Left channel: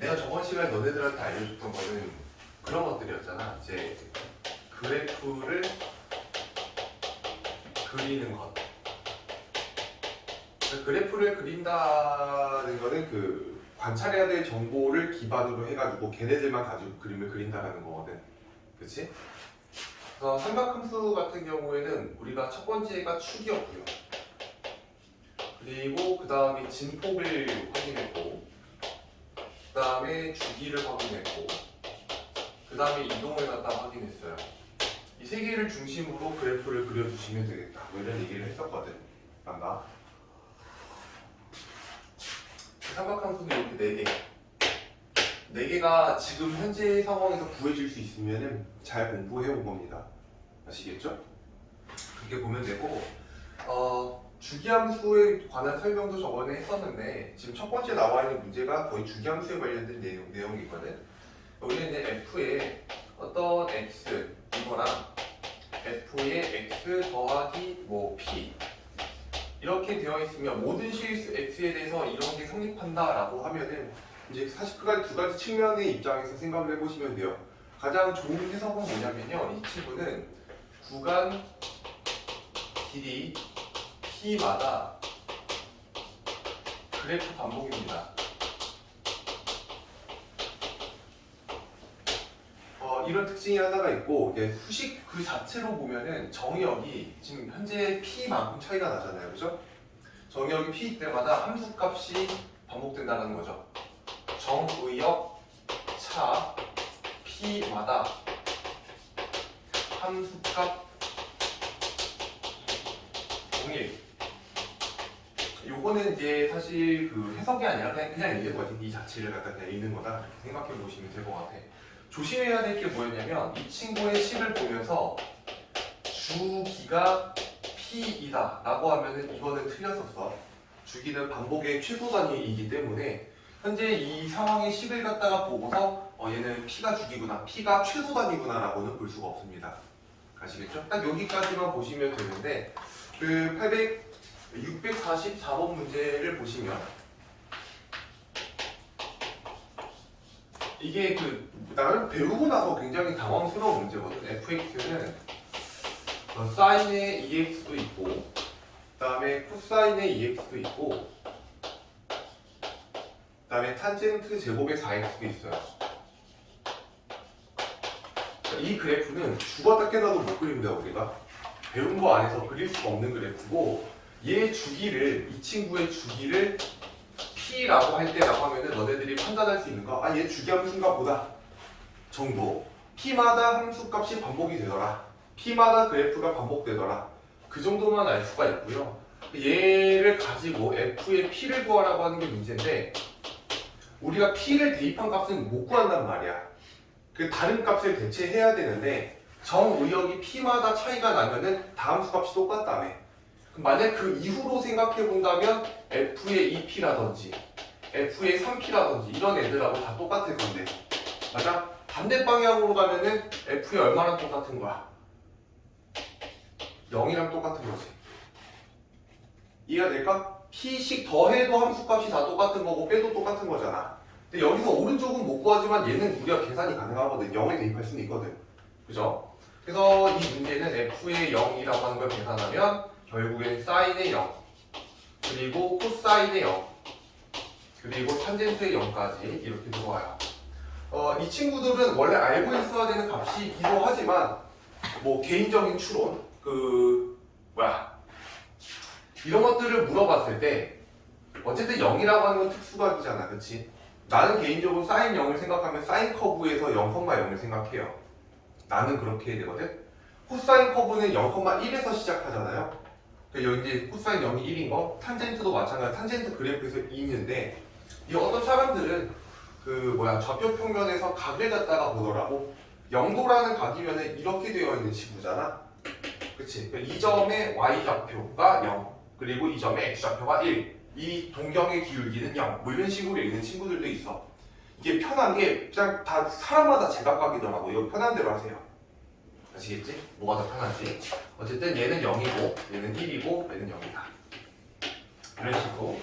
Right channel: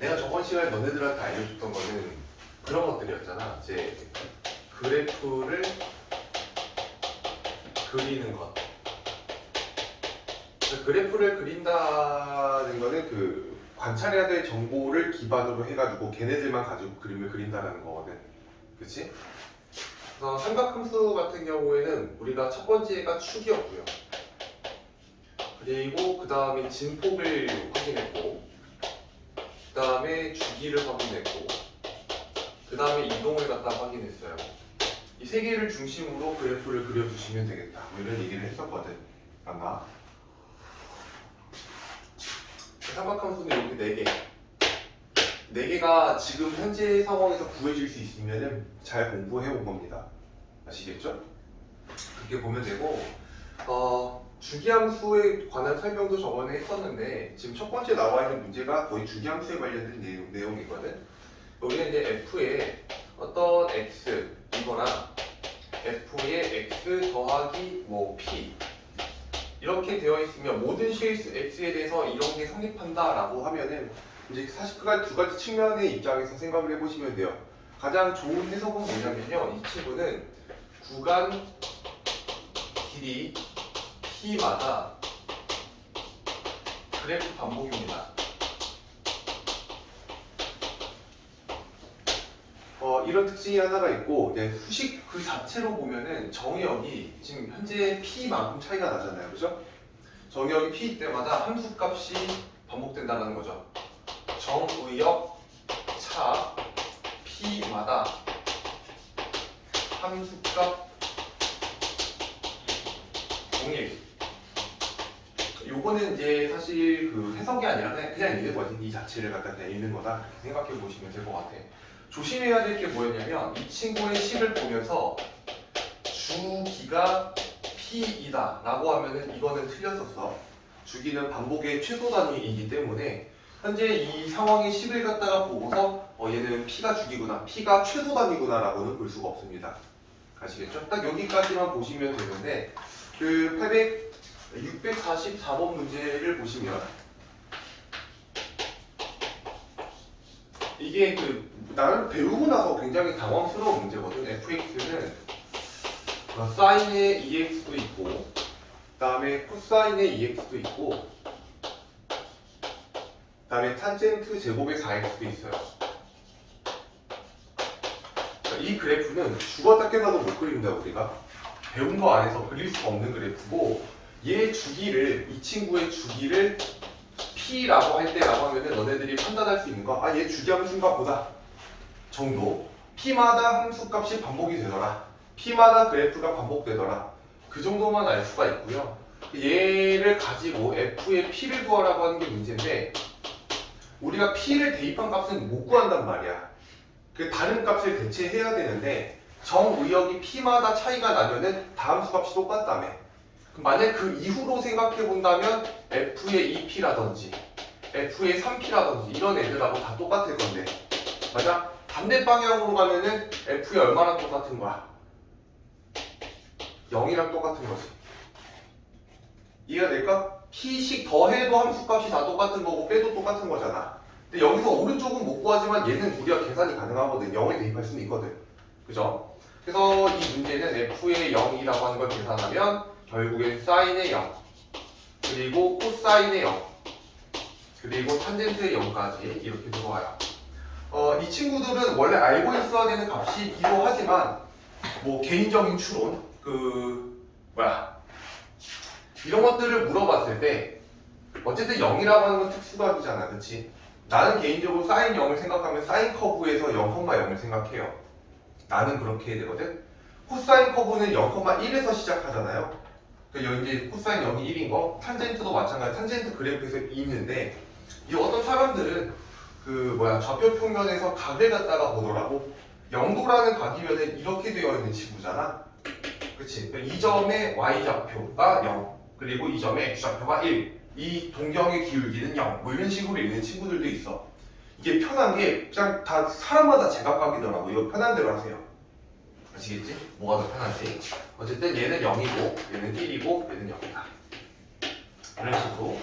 내가 저번 시간에 너네들한테 알려줬던 거는 그런 것들이었잖아. 이제 그래프를 그리는 것. 그래프를 그린다는 거는 그 관찰해야 될 정보를 기반으로 해가지고 걔네들만 가지고 그림을 그린다는 거거든. 그치? 삼각함수 같은 경우에는 우리가 첫 번째가 축이었고요. 그리고 그 다음에 진폭을 확인했고, 그 다음에 주기를 확인했고, 그 다음에 이동을 갖다 확인했어요. 이 세 개를 중심으로 그래프를 그려주시면 되겠다. 뭐 이런 얘기를 했었거든. 맞나? 삼각함수는 이렇게 네 개. 네 개가 지금 현재 상황에서 구해질 수 있으면 잘 공부해 온 겁니다. 아시겠죠? 그렇게 보면 되고, 주기함수에 관한 설명도 저번에 했었는데 지금 첫 번째 나와 있는 문제가 거의 주기함수에 관련된 내용이거든. 우리는 이제 f에 어떤 x 이거랑 f의 x 더하기 뭐 p 이렇게 되어 있으면 모든 실수 x에 대해서 이런 게 성립한다라고 하면은 이제 사실 두 가지 측면의 입장에서 생각을 해보시면 돼요. 가장 좋은 해석은 뭐냐면요, 이 친구는 구간 길이 p마다 그래프 반복입니다. 이런 특징이 하나가 있고, 이제 수식 그 자체로 보면은 정의역이 지금 현재 p만큼 차이가 나잖아요, 그죠? 정의역이 p 때마다 함수값이 반복된다는 거죠. 정의역 차 p마다 함수값 동일. 요거는 이제 사실 그 해석이 아니라 그냥 있는 거지. 이 자체를 갖다 그냥 있는 거다. 이렇게 생각해 보시면 될 것 같아. 조심해야 될 게 뭐였냐면 이 친구의 식을 보면서 주기가 p이다 라고 하면은 이거는 틀렸었어. 주기는 반복의 최소 단위이기 때문에 현재 이 상황의 식을 갖다가 보고서 얘는 p가 주기구나, p가 최소 단위구나 라고는 볼 수가 없습니다. 아시겠죠? 딱 여기까지만 보시면 되는데 그 644번 문제를 보시면 이게 나는 배우고 나서 굉장히 당황스러운 문제거든. fx는 사인의 ex도 있고, 그 다음에 코사인의 ex도 있고, 그 다음에 탄젠트 제곱의 4x도 있어요. 이 그래프는 죽었다 깨나도 못 그립니다. 우리가 배운 거 안에서 그릴 수가 없는 그래프고, 얘 주기를, 이 친구의 주기를 p라고 할 때라고 하면은 너네들이 판단할 수 있는 거, 얘 주기함수인가 보다 정도. p마다 함수값이 반복이 되더라, p마다 그래프가 반복되더라, 그 정도만 알 수가 있고요. 얘를 가지고 f의 p를 구하라고 하는 게 문제인데 우리가 p를 대입한 값은 못 구한단 말이야. 그 다른 값을 대체해야 되는데 정의역이 p마다 차이가 나면은 다함수 값이 똑같다며. 만약 그 이후로 생각해 본다면 f의 2p라든지 f의 3p라든지 이런 애들하고 다 똑같을 건데, 맞아? 반대 방향으로 가면은 f의 얼마랑 똑같은 거야? 0이랑 똑같은 거지. 이해가 될까? p씩 더해도 함수값이 다 똑같은 거고 빼도 똑같은 거잖아. 근데 여기서 오른쪽은 못 구하지만 얘는 우리가 계산이 가능하거든. 0을 대입할 수는 있거든. 그죠? 그래서 이 문제는 f의 0이라고 하는 걸 계산하면 결국엔 사인의 0, 그리고 코사인의 0, 그리고 탄젠트의 0까지 이렇게 들어와요. 이 친구들은 원래 알고 있어야 되는 값이기도 하지만 뭐 개인적인 추론, 이런 것들을 물어봤을 때 어쨌든 0이라고 하는 건 특수각이잖아, 그치? 나는 개인적으로 사인 0을 생각하면 사인 커브에서 0,0을 생각해요. 나는 그렇게 해야 되거든. 코사인 커브는 0,1에서 시작하잖아요. 여기 이제 코사인 0이 1인 거, 탄젠트도 마찬가지. 탄젠트 그래프에서 있는데 이 어떤 사람들은 좌표 평면에서 각을 갖다가 보더라고. 0도라는 각이면은 이렇게 되어 있는 지구잖아. 그치? 이 점의 y좌표가 0, 그리고 이 점의 x좌표가 1. 이 동경의 기울기는 0. 뭐 이런 식으로 읽는 친구들도 있어. 이게 편한 게 그냥 다 사람마다 제각각이더라고. 이거 편한 대로 하세요. 아시겠지? 뭐가 더 편한지. 어쨌든 얘는 0이고 얘는 1이고 얘는 0이다. 이런 식으로.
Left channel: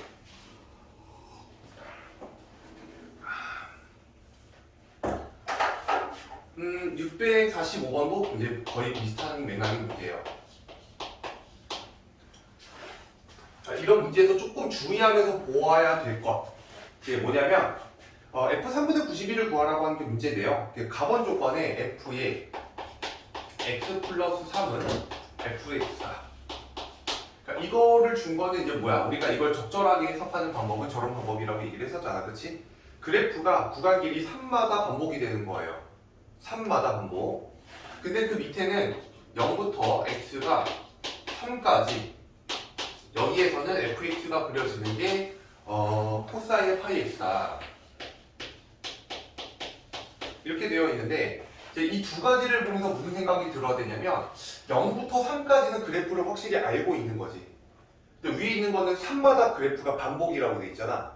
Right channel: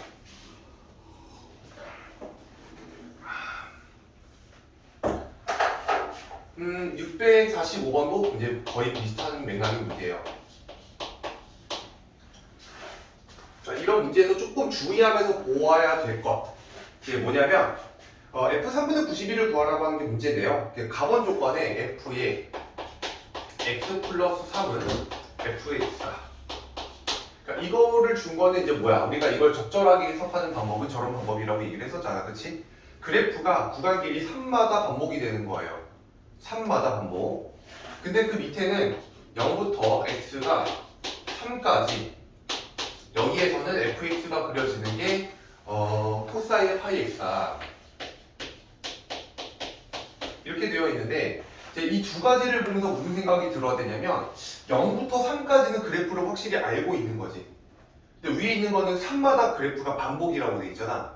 645번도 이제 거의 비슷한 맥락의 문제예요. 자, 이런 문제에서 조금 주의하면서 보아야 될 것. 이게 뭐냐면, F 3분의 91을 구하라고 하는 게 문제인데요. 가번 조건에 F의 X 플러스 3은 F의 X다. 그러니까 이거를 준 거는 이제 뭐야? 우리가 이걸 적절하게 해석하는 방법은 저런 방법이라고 얘기를 했었잖아. 그치? 그래프가 구간 길이 3마다 반복이 되는 거예요. 3마다 반복. 근데 그 밑에는 0부터 x가 3까지 여기에서는 fx가 그려지는 게 코사인의 파이 x다. 이렇게 되어 있는데 이 두 가지를 보면서 무슨 생각이 들어야 되냐면 0부터 3까지는 그래프를 확실히 알고 있는 거지. 근데 위에 있는 거는 3마다 그래프가 반복이라고 돼 있잖아.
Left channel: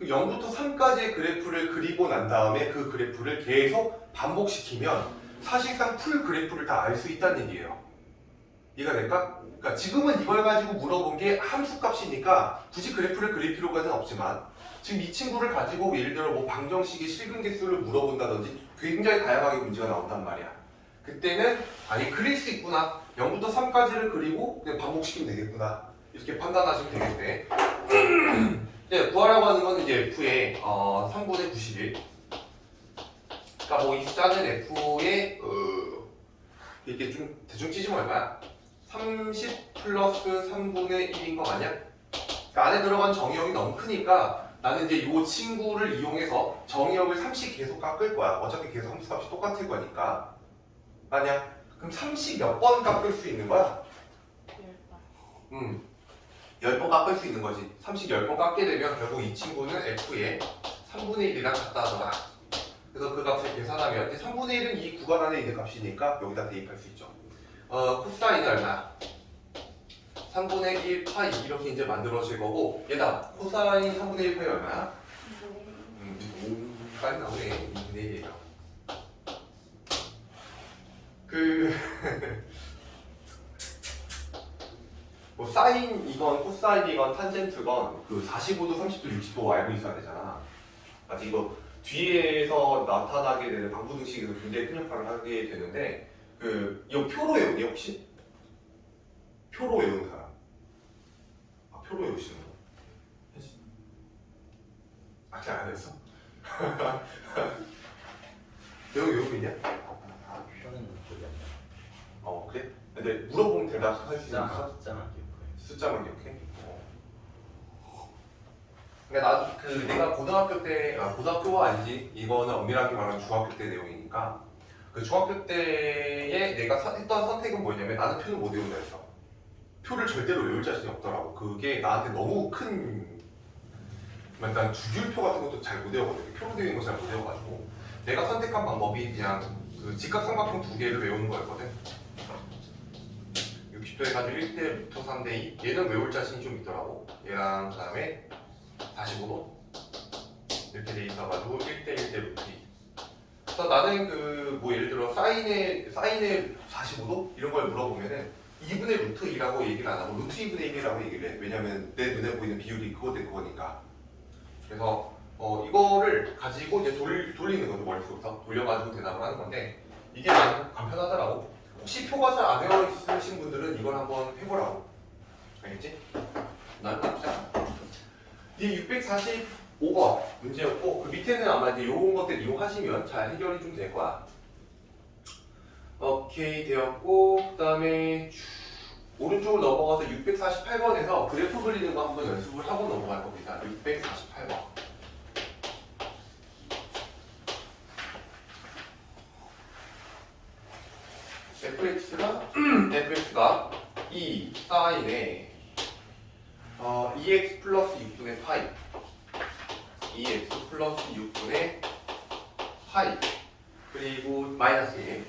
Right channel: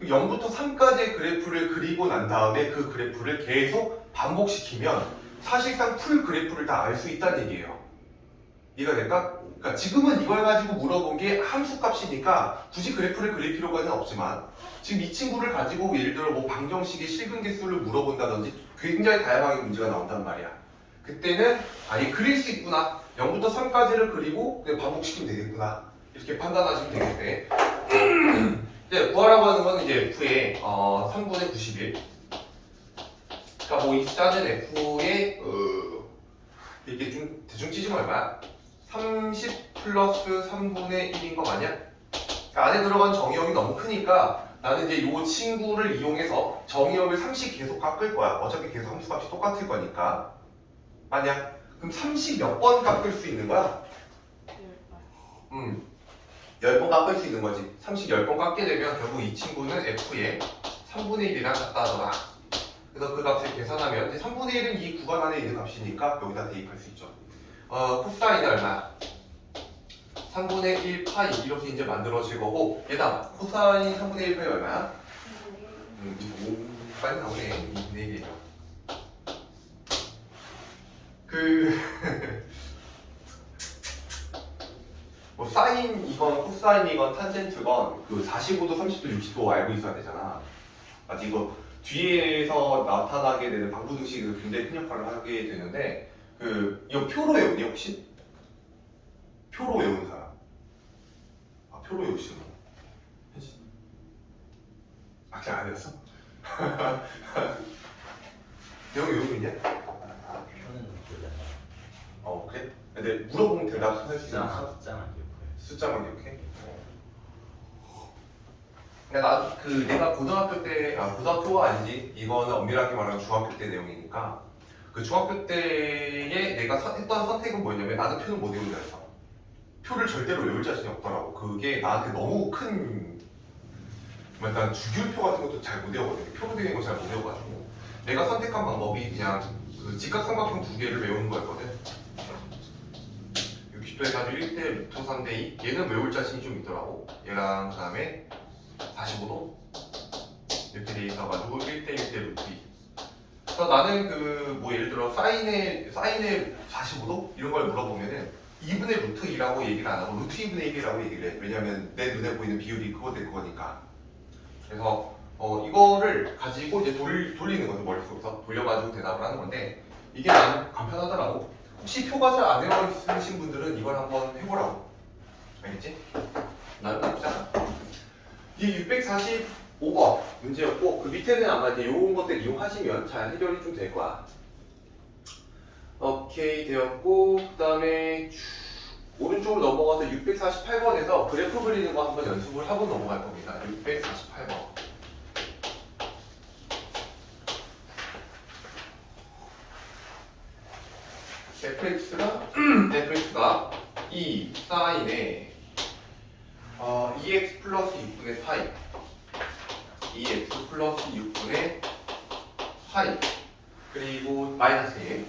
0부터 3까지의 그래프를 그리고 난 다음에 그 그래프를 계속 반복시키면 사실상 풀 그래프를 다 알 수 있다는 얘기예요. 이해가 될까? 그러니까 지금은 이걸 가지고 물어본 게 함수 값이니까 굳이 그래프를 그릴 필요가 없지만 지금 이 친구를 가지고 예를 들어 뭐 방정식의 실근 개수를 물어본다든지 굉장히 다양하게 문제가 나온단 말이야. 그때는 아예 그릴 수 있구나. 0부터 3까지를 그리고 그냥 반복시키면 되겠구나. 이렇게 판단하시면 되겠네. 네, 구하라고 하는 건 이제 F의 3분의 91. 그러니까 뭐 이 숫자는 F의 이렇게 좀 대충 찢으면 얼마야? 30 플러스 3분의 1인 거 맞냐? 그러니까 안에 들어간 정의역이 너무 크니까 나는 이제 이 친구를 이용해서 정의역을 30 계속 깎을 거야. 어차피 계속 함수값이 똑같을 거니까. 맞냐? 그럼 30 몇 번 깎을 수 있는 거야? 10번 깎을 수 있는 거지. 30 10번 깎게 되면 결국 이 친구는 F의 3분의 1이랑 같다 하더라. 그래서 그 값을 계산하면 3분의 1은 이 구간 안에 있는 값이니까 여기다 대입할 수 있죠. 코사인은 얼마? 3분의 1 파이 이렇게 이제 만들어질 거고 얘다 코사인 3분의 1 파이 얼마야? 빨리 나오네. 2분의 1이에요. 뭐 사인이건 코사인이건 탄젠트건 그 45도, 30도, 60도 알고 있어야 되잖아. 아직 이거 뒤에서 나타나게 되는 방부등식에서 굉장히 큰 역할을 하게 되는데 이거 표로 외우니 혹시? 표로 외우는 사람? 아 표로 외우시는 거? 아직 안 외웠어? 여기 외우고 있냐? 그래? 근데 물어보면 대답할 수 있는 숫자만 기억해? 그러니까 내가 고등학교 때, 고등학교가 아니지. 이거는 엄밀하게 말하면 중학교 때 내용이니까. 그 중학교 때에 내가 했던 선택은 뭐였냐면 나는 표는 못 외운다 했어. 표를 절대로 외울 자신이 없더라고. 그게 나한테 너무 큰, 난 주기율표 같은 것도 잘 못 외우거든. 표로 되는 거 잘 못 외워가지고. 내가 선택한 방법이 그냥 그 직각삼각형 두 개를 외우는 거였거든. 60도 해가지고 1대 루트 3대 2. 얘는 외울 자신이 좀 있더라고. 얘랑 그 다음에 45도 이렇게 돼 있어가지고 1대 1대 루트 2. 그래서 나는 뭐 예를 들어 사인의 45도 이런 걸 물어보면은 2분의 루트 2라고 얘기를 안 하고 루트 2분의 1이라고 얘기를 해. 왜냐면 내 눈에 보이는 비율이 그거니까. 그래서 이거를 가지고 이제 돌리는 거죠. 머릿속에서 돌려가지고 대답을 하는 건데 이게 나는 간편하더라고. 혹시 표가 잘 안 외워 있으신 분들은 이걸 한번 해보라고. 알겠지? 나는 나쁘지 않아. 이 645번 문제였고 그 밑에는 아마 이제 요런 것들 이용하시면 잘 해결이 좀 될 거야. 오케이 되었고 그 다음에 오른쪽으로 넘어가서 648번에서 그래프 그리는 거 한번 연습을 하고 넘어갈 겁니다. 648번. fx가 2 사인에 2x 플러스 6분의 파이 2x 플러스 6분의 파이 그리고 마이너스 1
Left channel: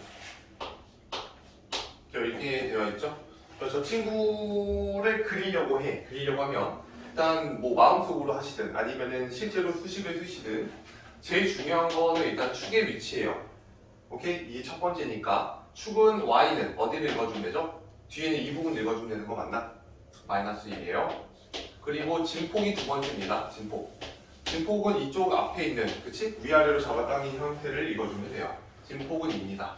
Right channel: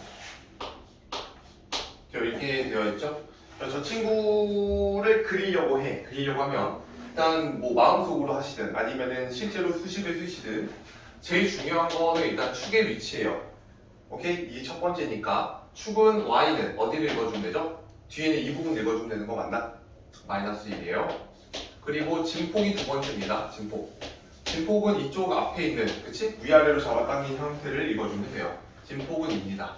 이렇게 되어 있죠. 저 친구를 그리려고 하면 일단 뭐 마음속으로 하시든 아니면은 실제로 수식을 쓰시든 제일 중요한 거는 일단 축의 위치예요. 오케이? 이게 첫 번째니까 축은 y는 어디를 읽어주면 되죠? 뒤에는 이 부분 읽어주면 되는 거 맞나? 마이너스 1이에요. 그리고 진폭이 두 번째입니다. 진폭은 이쪽 앞에 있는, 그치? 위아래로 잡아당긴 형태를 읽어주면 돼요. 진폭은 2입니다.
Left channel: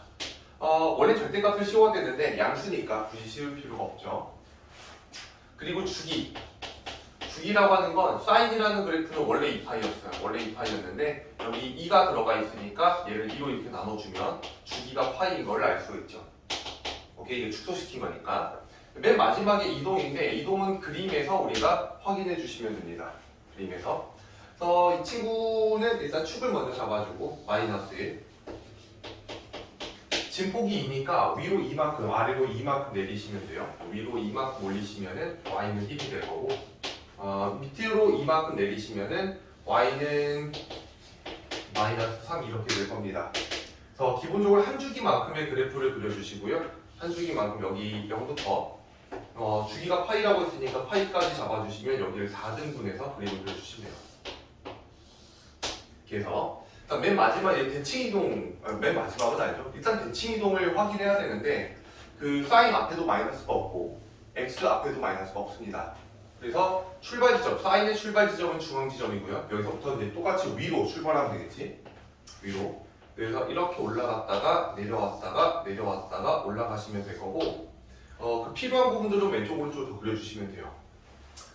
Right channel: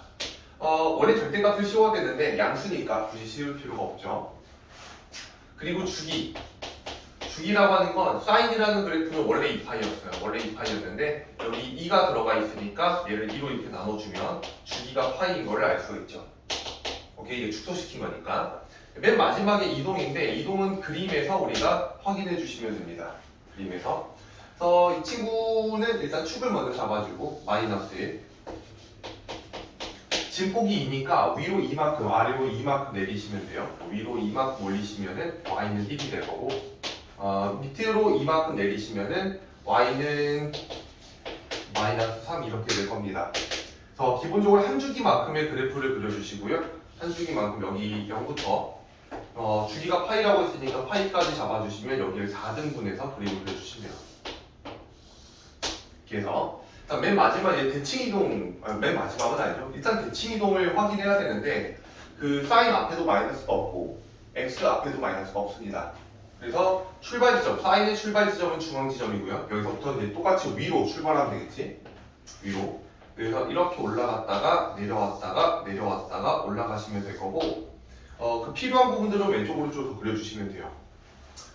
원래 절대값을 씌워야 되는데 양수니까 굳이 씌울 필요가 없죠. 그리고 주기라고 하는 건 사인이라는 그래프는 원래 2파이였어요. 원래 2파이였는데 여기 2가 들어가 있으니까 얘를 2로 이렇게 나눠주면 주기가 파이인 걸 알 수 있죠. 오케이, 이게 축소시킨 거니까. 맨 마지막에 이동인데 이동은 그림에서 우리가 확인해 주시면 됩니다. 그림에서. 그래서 이 친구는 일단 축을 먼저 잡아주고 마이너스 1. 진폭이 2니까 위로 2만큼 아래로 2만큼 내리시면 돼요. 위로 2만큼 올리시면은 y는 1이 될 거고 밑으로 2만큼 내리시면은 y는 마이너스 3 이렇게 될 겁니다. 그래서 기본적으로 한 주기만큼의 그래프를 그려주시고요. 한 주기만큼 여기 0부터 주기가 파이라고 했으니까 파이까지 잡아주시면 여기를 4등분해서 그림을 그려주시면 돼요. 그래서 맨 마지막에 대칭 이동, 맨 마지막은 아니죠. 일단 대칭 이동을 확인해야 되는데 그 사인 앞에도 마이너스가 없고 x 앞에도 마이너스가 없습니다. 그래서 출발 지점, 사인의 출발 지점은 중앙 지점이고요. 여기서부터 이제 똑같이 위로 출발하면 되겠지. 위로. 그래서 이렇게 올라갔다가 내려왔다가 올라가시면 될 거고 그 필요한 부분들은 왼쪽 오른쪽으로 그려주시면 돼요.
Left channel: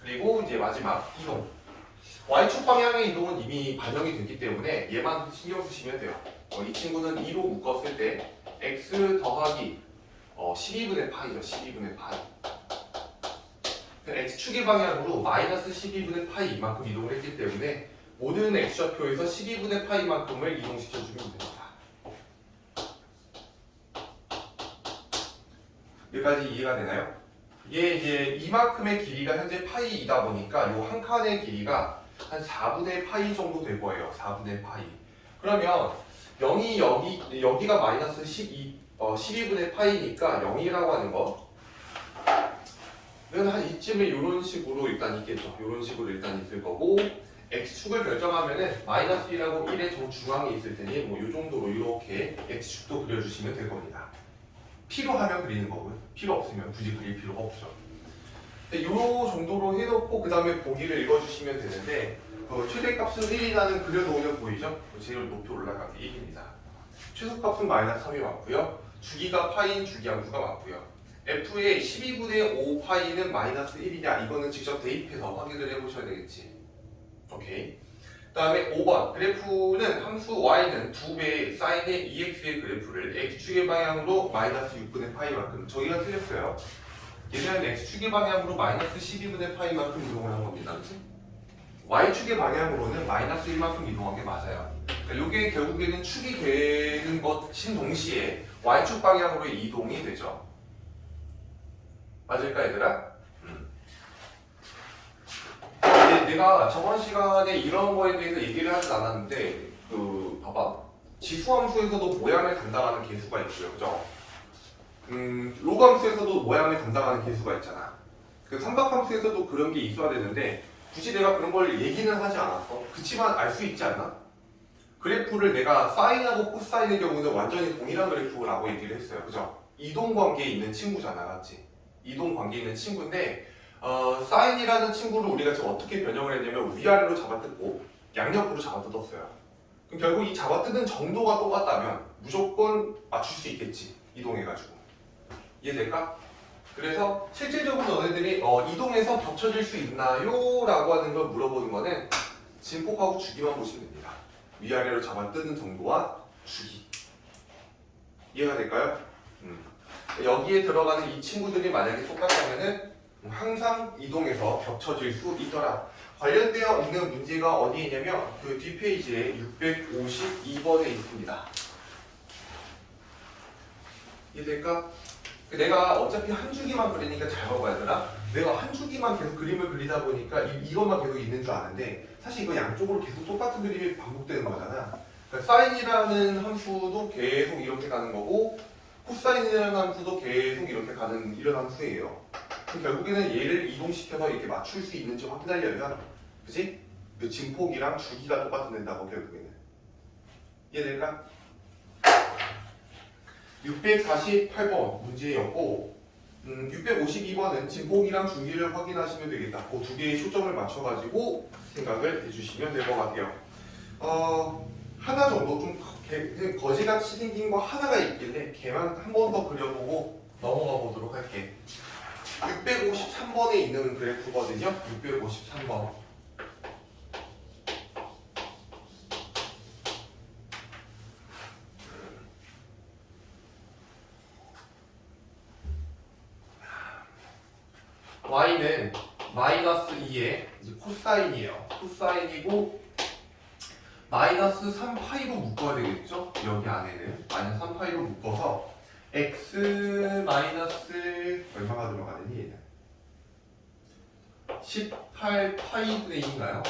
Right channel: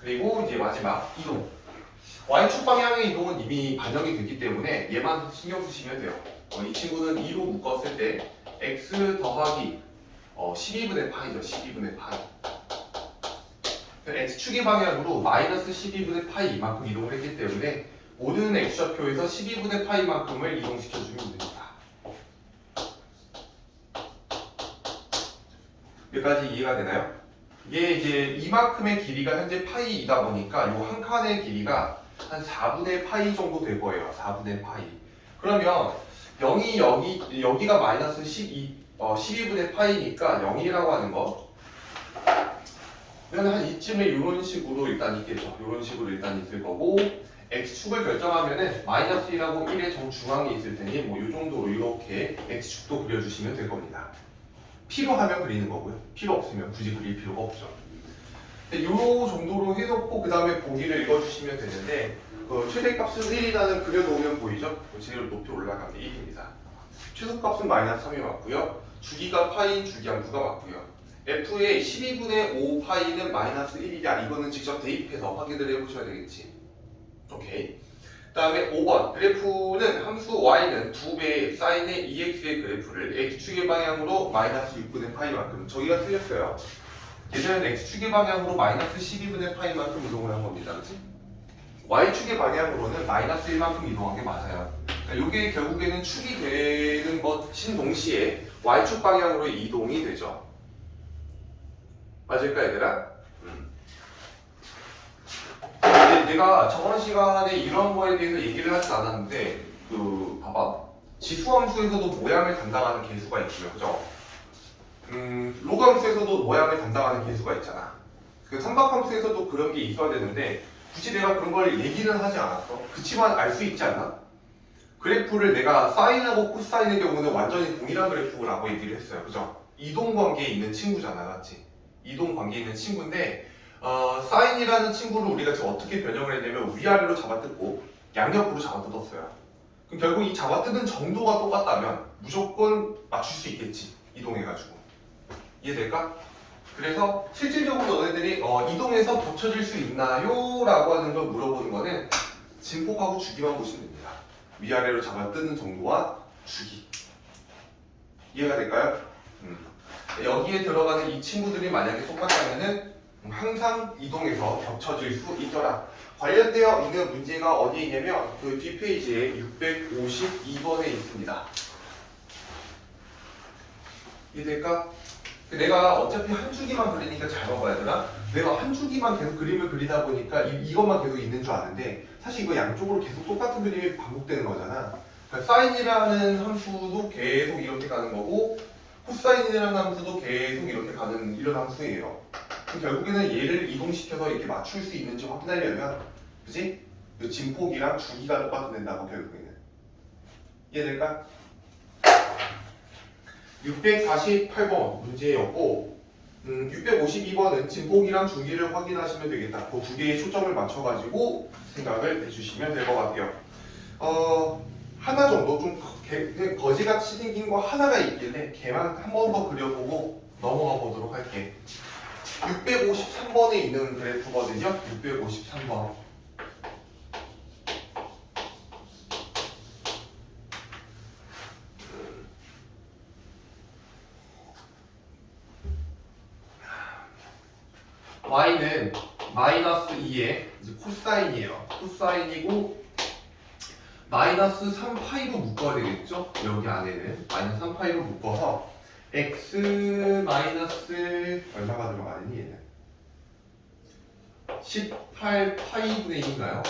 그리고 이제 마지막 이동. y축 방향의 이동은 이미 반영이 됐기 때문에 얘만 신경 쓰시면 돼요. 이 친구는 2로 묶었을 때 x 더하기 12분의 파이죠. 12분의 파이. x축의 방향으로 마이너스 12분의 파이 이만큼 이동을 했기 때문에 모든 x좌표에서 12분의 파이만큼을 이동시켜주면 됩니다. 여기까지 이해가 되나요? 이게 이제 이만큼의 길이가 현재 파이이다 보니까 이 한 칸의 길이가 한 4분의 파이 정도 될 거예요. 4분의 파이. 그러면 0이 여기가 마이너스 12분의 파이니까 0이라고 하는 거. 그러면 한 이쯤에 이런 식으로 일단 있겠죠. 이런 식으로 일단 있을 거고 x축을 결정하면은 마이너스 1하고 1의 정중앙에 있을 테니 뭐 이 정도로 이렇게 x축도 그려주시면 될 겁니다. 필요하면 그리는 거고요. 필요 없으면 굳이 그릴 필요가 없죠. 이 정도로 해놓고 그 다음에 보기를 읽어주시면 되는데 최대값은 1이라는 그려놓으면 보이죠? 제일 높이 올라가는 1입니다. 최소값은 마이너스 3이 맞고요. 주기가 파이인 주기함수가 맞고요. f의 12분의 5 파이는 마이너스 1이냐 이거는 직접 대입해서 확인을 해보셔야 되겠지. 오케이. 그 다음에 5번 그래프는 함수 y는 2배의 사인의 2x의 그래프를 x축의 방향으로 마이너스 6분의 파이만큼 저기가 틀렸어요. 얘는 x축의 방향으로 마이너스 12분의 파이만큼 이동을 한 겁니다. 그치? y축의 방향으로는 마이너스 1만큼 이동한 게 맞아요. 그러니까 이게 결국에는 축이 되는 것인 동시에 y축 방향으로 이동이 되죠. 맞을까 얘들아? 내가 저번 시간에 이런 거에 대해서 얘기를 하지 않았는데 봐봐 지수함수에서도 모양을 담당하는 개수가 있고요. 그죠? 로그함수에서도 모양을 담당하는 개수가 있잖아. 그 삼각함수에서도 그런 게 있어야 되는데 굳이 내가 그런 걸 얘기는 하지 않았어. 그치만 알 수 있지 않나? 그래프를 내가 사인하고 코사인의 경우는 완전히 동일한 그래프라고 얘기를 했어요. 그죠? 이동 관계에 있는 친구잖아. 맞지? 이동 관계에 있는 친구인데 사인이라는 친구를 우리가 지금 어떻게 변형을 했냐면 위아래로 잡아뜯고 양옆으로 잡아뜯었어요. 그럼 결국 이 잡아뜯은 정도가 똑같다면 무조건 맞출 수 있겠지. 이동해가지고. 이해될까? 그래서 실질적으로 너네들이 이동해서 겹쳐질 수 있나요? 라고 하는 걸 물어보는 거는 진폭하고 주기만 보시면 됩니다. 위아래로 잡아뜯는 정도와 주기. 이해가 될까요? 여기에 들어가는 이 친구들이 만약에 똑같다면은 항상 이동해서 겹쳐질 수 있더라. 관련되어 있는 문제가 어디에 있냐면 그 뒷페이지에 652번에 있습니다. 이해될까? 내가 어차피 한 주기만 그리니까 잘 봐봐야 되나? 내가 한 주기만 계속 그림을 그리다 보니까 이것만 계속 있는 줄 아는데 사실 이거 양쪽으로 계속 똑같은 그림이 반복되는 거잖아. 그러니까 사인이라는 함수도 계속 이렇게 가는 거고 코사인이라는 함수도 계속 이렇게 가는 이런 함수예요. 그럼 결국에는 얘를 이동시켜서 이렇게 맞출 수 있는지 확인하려면 그치? 그 진폭이랑 주기가 똑같은 된다고 결국에는. 이해될까? 648번 문제였고 652번은 진폭이랑 주기를 확인하시면 되겠다. 그 두 개의 초점을 맞춰가지고 생각을 해주시면 될 것 같아요. 하나 정도 좀 그 거지같이 생긴 거 하나가 있길래 걔만 한 번 더 그려보고 넘어가 보도록 할게. 653번에 있는 그래프거든요. 653번. y는 마이너스 2의 이제 코사인이에요. 코사인이고 마이너스 3파이로 묶어야 되겠죠? 여기 안에는 마이너스 3파이로 묶어서 x 마이너스 얼마가 들어가느니 얘는 18파이분의 1인가요?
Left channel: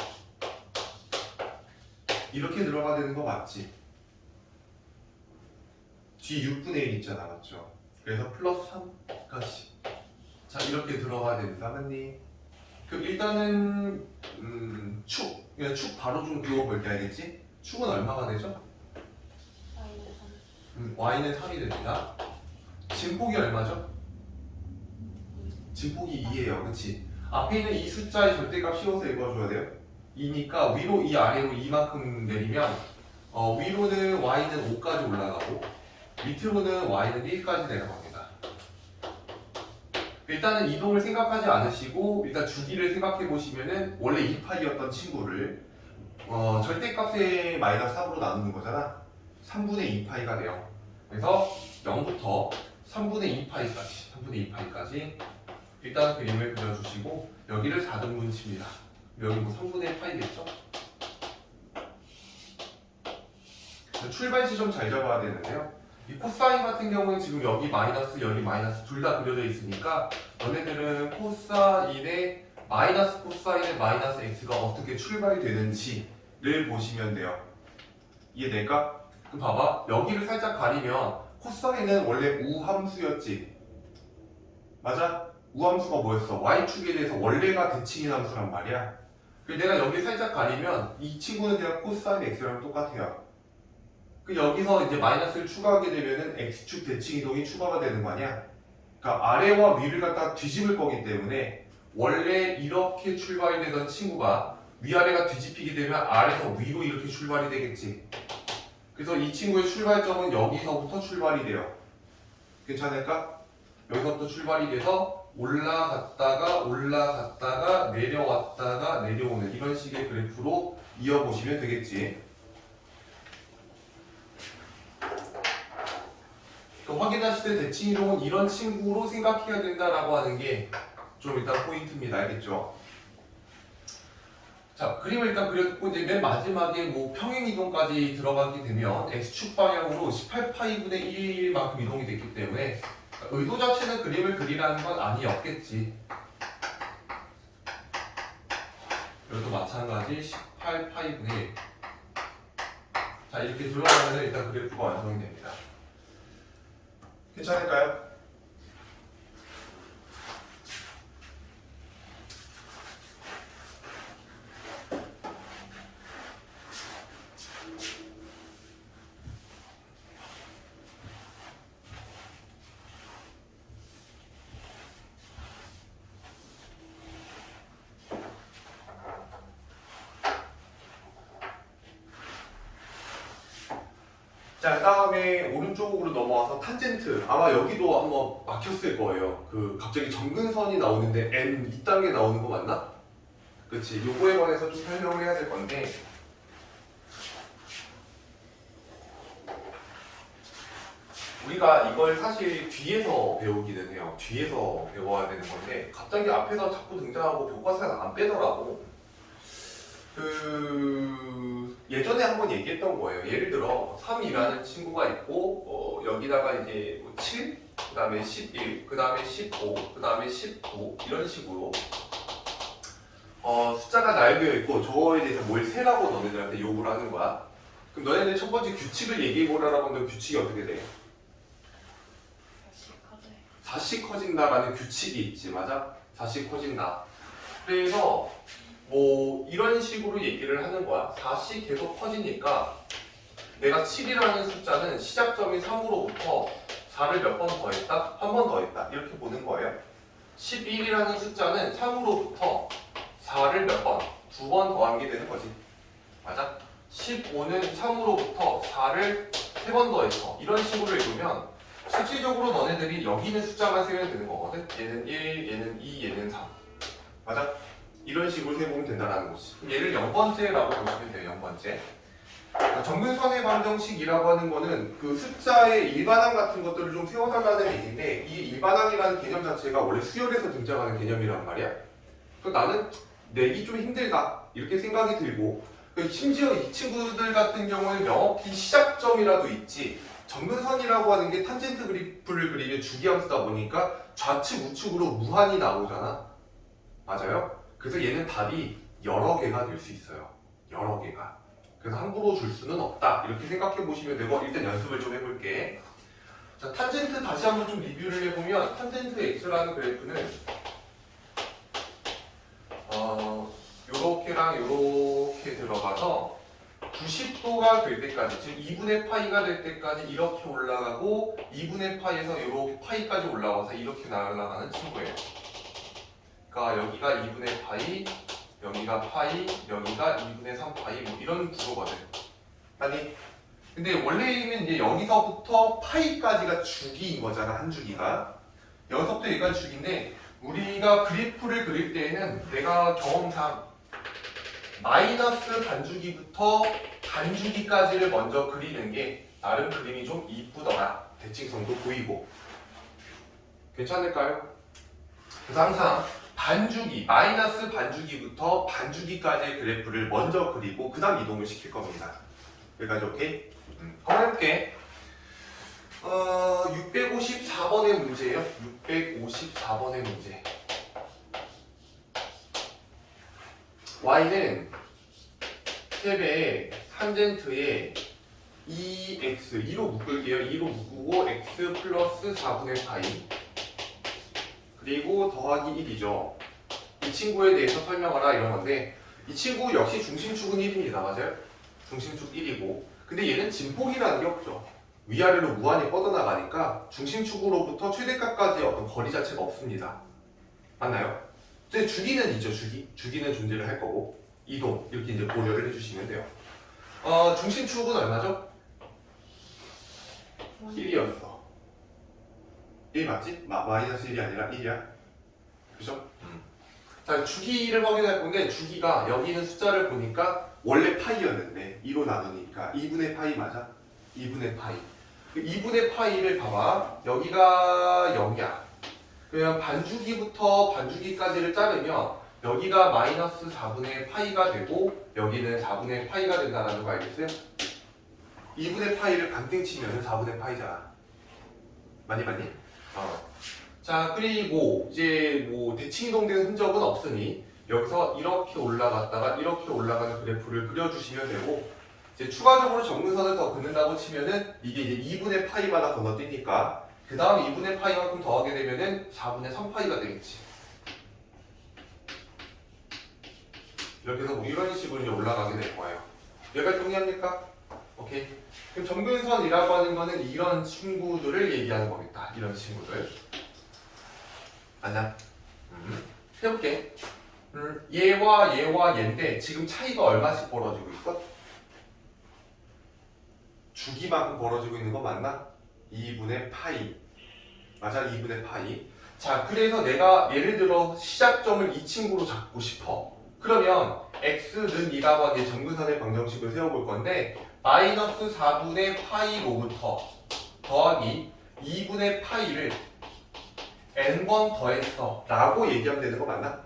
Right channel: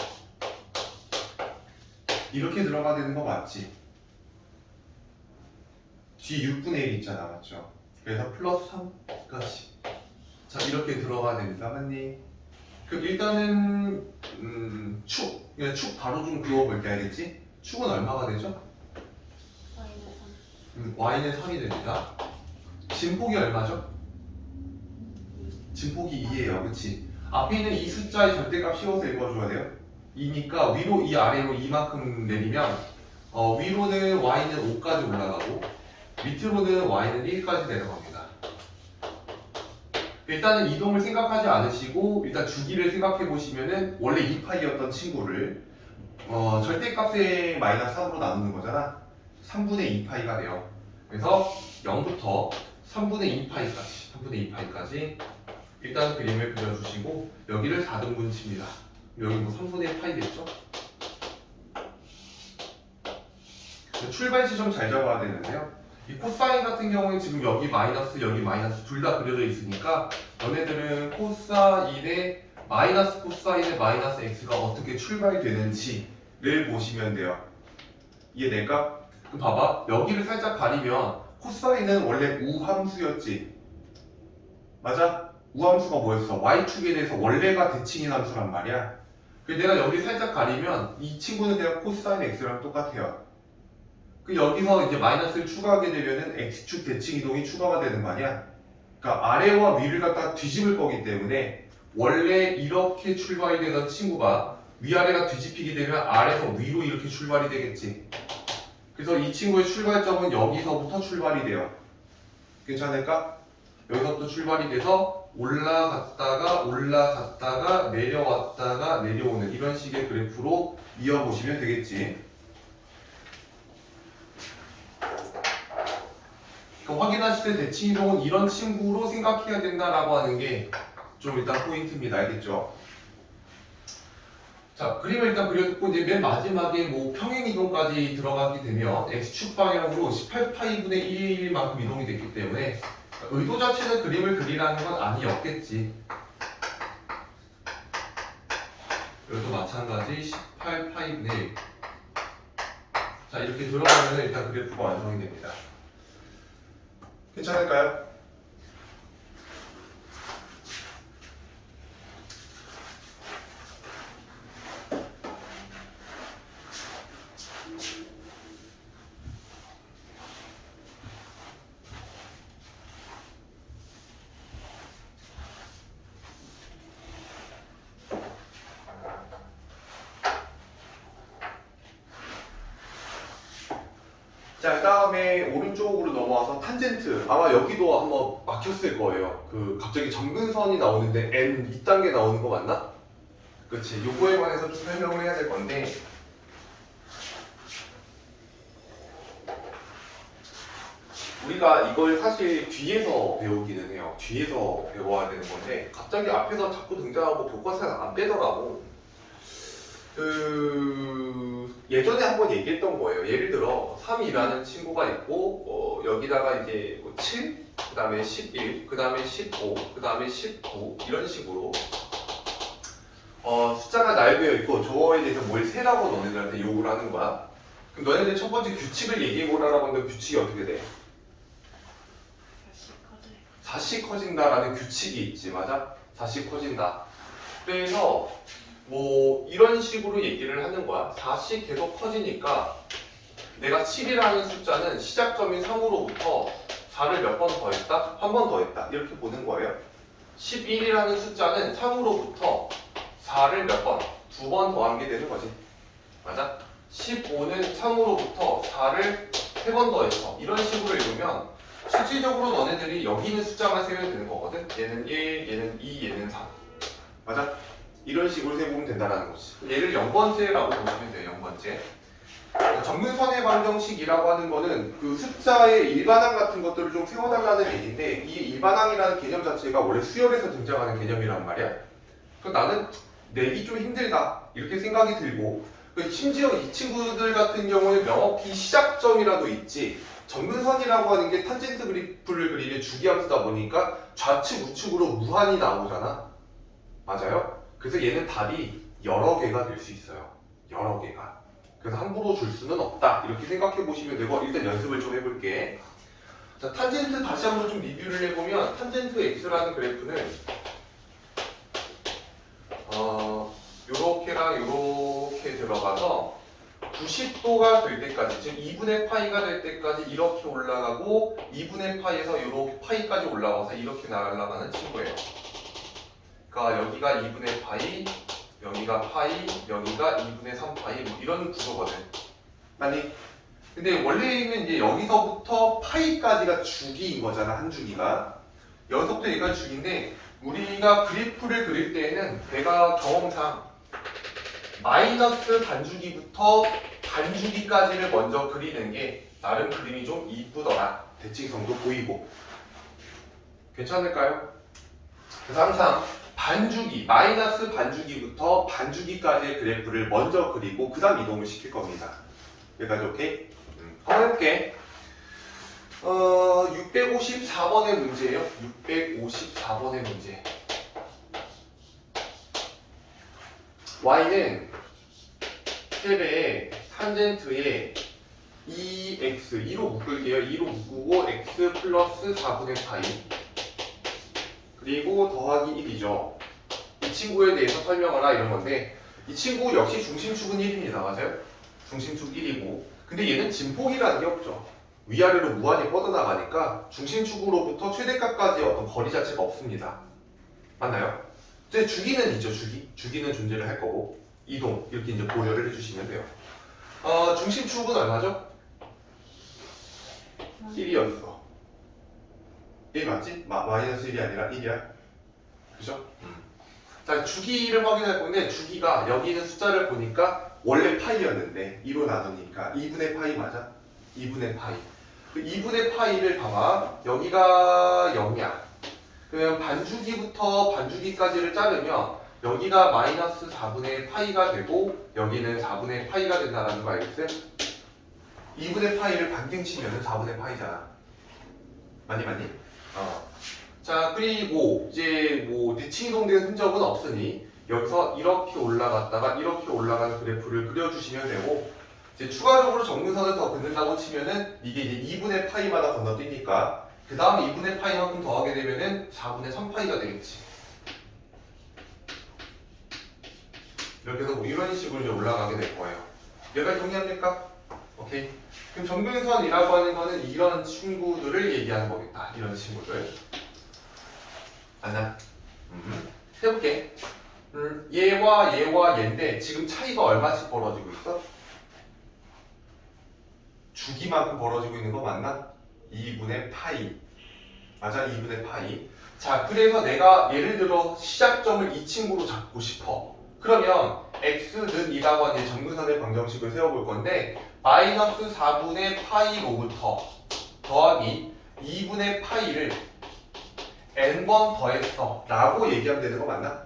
이렇게 들어가야 되는 거 맞지? 뒤 6분의 1 있잖아, 맞죠? 그래서 플러스 3까지. 자, 이렇게 들어가야 됩니다, 맞니? 그럼 일단은 축, 그냥 축 바로 좀 그어볼게, 알겠지? 축은 얼마가 되죠? y는 3이 됩니다. 진폭이 얼마죠? 진폭이 2예요, 그치? 앞에 있는 이 숫자의 절대값 씌워서 읽어줘야 돼요. 2니까 위로 이 아래로 이만큼 내리면 위로는 y는 5까지 올라가고 밑으로는 y는 1까지 내려갑니다. 일단은 이동을 생각하지 않으시고 일단 주기를 생각해 보시면은 원래 2파이였던 친구를 절대값의 마이너스 3으로 나누는 거잖아. 3분의 2파이가 돼요. 그래서 0부터 3분의 2파이까지 일단은 그림을 그려주시고 여기를 4등분 칩니다. 여기 뭐 3분의 파이겠죠? 출발 지점 잘 잡아야 되는데요. 이 코사인 같은 경우는 지금 여기 마이너스 둘 다 그려져 있으니까 너네들은 코사인의 마이너스 코사인의 마이너스 x가 어떻게 출발되는지를 보시면 돼요. 이해될까? 그럼 봐봐, 여기를 살짝 가리면 코사인은 원래 우함수였지, 맞아? 우함수가 뭐였어? y축에 대해서 원래가 대칭인 함수란 말이야. 그래서 내가 여기 살짝 가리면 이 친구는 그냥 코사인 x랑 똑같아요. 그 여기서 이제 마이너스를 추가하게 되면은 x축 대칭 이동이 추가가 되는 거 아니야? 그러니까 아래와 위를 갖다 뒤집을 거기 때문에 원래 이렇게 출발이 되던 친구가 위아래가 뒤집히게 되면 아래에서 위로 이렇게 출발이 되겠지. 그래서 이 친구의 출발점은 여기서부터 출발이 돼요. 괜찮을까? 여기서부터 출발이 돼서 올라갔다가 내려왔다가 내려오는 이런 식의 그래프로 이어보시면 되겠지. 확인하실 때 대칭 이동은 이런 친구로 생각해야 된다라고 하는 게 좀 일단 포인트입니다. 알겠죠? 자, 그림을 일단 그려놓고 이제 맨 마지막에 뭐 평행 이동까지 들어가게 되면 x축 방향으로 18파이분의 1만큼 이동이 됐기 때문에 의도 자체는 그림을 그리라는 건 아니었겠지. 여기도 마찬가지 18파이분의 1. 자, 이렇게 들어가면 일단 그래프가 완성이 됩니다. 괜찮을까요? 자, 그 다음에 오른쪽으로 넘어와서 탄젠트. 아마 여기도 한번 막혔을 거예요. 그 갑자기 점근선이 나오는데 n 2단계 나오는 거 맞나? 그치. 요거에 관해서 좀 설명을 해야 될 건데 우리가 이걸 사실 뒤에서 배우기는 해요. 뒤에서 배워야 되는 건데 갑자기 앞에서 자꾸 등장하고 교과서에 안 빼더라고. 예전에 한번 얘기했던 거예요. 예를 들어 3이라는 친구가 있고 여기다가 이제 7, 그 다음에 11, 그 다음에 15, 그 다음에 19 이런 식으로 숫자가 나열되어 있고 저거에 대해서 뭘 세라고 너네들한테 요구를 하는 거야. 그럼 너네들 첫 번째 규칙을 얘기해보라고 하면 규칙이 어떻게 돼? 4씩 커진다라는 규칙이 있지, 맞아? 4씩 커진다. 그래서 뭐 이런 식으로 얘기를 하는 거야. 4씩 계속 커지니까 내가 7이라는 숫자는 시작점인 3으로부터 4를 몇 번 더했다? 한 번 더했다. 이렇게 보는 거예요. 11이라는 숫자는 3으로부터 4를 몇 번? 2번 더한 게 되는 거지. 맞아? 15는 3으로부터 4를 3번 더해서 이런 식으로 읽으면 실질적으로 너네들이 여기 있는 숫자만 세면 되는 거거든. 얘는 1, 얘는 2, 얘는 3. 맞아? 이런 식으로 세보면 된다는 거지. 얘를 0번째라고 보시면 돼요. 0번째. 정근선의 방정식이라고 하는 거는 그 숫자의 일반항 같은 것들을 좀 세워달라는 얘기인데, 이 일반항이라는 개념 자체가 원래 수열에서 등장하는 개념이란 말이야. 그래서 나는 내기 좀 힘들다 이렇게 생각이 들고, 심지어 이 친구들 같은 경우는 명확히 시작점이라도 있지, 정근선이라고 하는 게 탄젠트 그래프를 그리는 주기함수다 보니까 좌측 우측으로 무한히 나오잖아. 맞아요? 그래서 얘는 답이 여러 개가 될 수 있어요. 여러 개가. 그래서 함부로 줄 수는 없다 이렇게 생각해 보시면 되고, 일단 연습을 좀 해볼게. 자, 탄젠트 다시 한번 좀 리뷰를 해보면, 탄젠트 x라는 그래프는 요렇게랑 요렇게 들어가서 90도가 될 때까지, 즉 2분의 파이가 될 때까지 이렇게 올라가고, 2분의 파이에서 요렇게 파이까지 올라가서 이렇게 날아가는 친구예요. 그러니까 여기가 2분의 파이, 여기가 파이, 여기가 2분의 3 파이, 뭐 이런 구조거든. 아니, 근데 원래는 이제 여기서부터 파이까지가 주기인 거잖아, 한 주기가. 여기서부터 여기가 주기인데, 우리가 그래프를 그릴 때에는 내가 경험상 마이너스 반주기부터 반주기까지를 먼저 그리는 게 나름 그림이 좀 이쁘더라. 대칭성도 보이고. 괜찮을까요? 그래서 항상 반주기, 마이너스 반주기부터 반주기까지의 그래프를 먼저 그리고 그 다음 이동을 시킬 겁니다. 여기까지 오케이? 한번 해볼게. 654번의 문제예요. 654번의 문제. y는 세배의 탄젠트에 2x 2로 묶을게요. 2로 묶고 x 플러스 4분의 파이 그리고 더하기 1이죠. 이 친구에 대해서 설명하라 이런 건데, 이 친구 역시 중심축은 1입니다. 맞아요? 중심축 1이고, 근데 얘는 진폭이라는 게 없죠. 위아래로 무한히 뻗어나가니까 중심축으로부터 최대값까지의 어떤 거리 자체가 없습니다. 맞나요? 근데 주기는 있죠. 주기는 존재를 할 거고, 이동 이렇게 이제 고려를 해주시면 돼요. 중심축은 얼마죠? 1이었어. 1 맞지? 마이너스 1이 아니라 1이야. 그죠? 자, 주기를 확인할 건데, 주기가 여기 있는 숫자를 보니까 원래 파이였는데 2로 나누니까 2분의 파이 맞아? 2분의 파이. 그 2분의 파이를 봐봐. 여기가 0이야. 그러면 반주기부터 반주기까지를 자르면 여기가 마이너스 4분의 파이가 되고 여기는 4분의 파이가 된다는 거 알겠어요? 2분의 파이를 반등 치면 4분의 파이잖아. 맞니? 자, 그리고 이제 뭐 대칭이동된 흔적은 없으니 여기서 이렇게 올라갔다가 이렇게 올라가는 그래프를 그려주시면 되고, 이제 추가적으로 정근선을 더 긋는다고 치면은 이게 이제 2분의 파이마다 건너뛰니까 그 다음 2분의 파이만큼 더하게 되면은 4분의 3파이가 되겠지. 이렇게 해서 뭐 이런 식으로 이제 올라가게 될 거예요. 여기까지 동의합니까? 오케이. 그럼 정근선이라고 하는 거는 이런 친구들을 얘기하는 거겠다. 이런 친구들. 맞나? 해볼게. 얘와 얘인데 지금 차이가 얼마씩 벌어지고 있어? 주기만큼 벌어지고 있는 거 맞나? 2분의 파이. 맞아? 2분의 파이. 자, 그래서 내가 예를 들어 시작점을 이 친구로 잡고 싶어. 그러면 x는 이라고 하는 정근선의 방정식을 세워볼 건데, 마이너스 4분의 파이로부터 더하기 2분의 파이를 n번 더했어 라고 얘기하면 되는 거 맞나?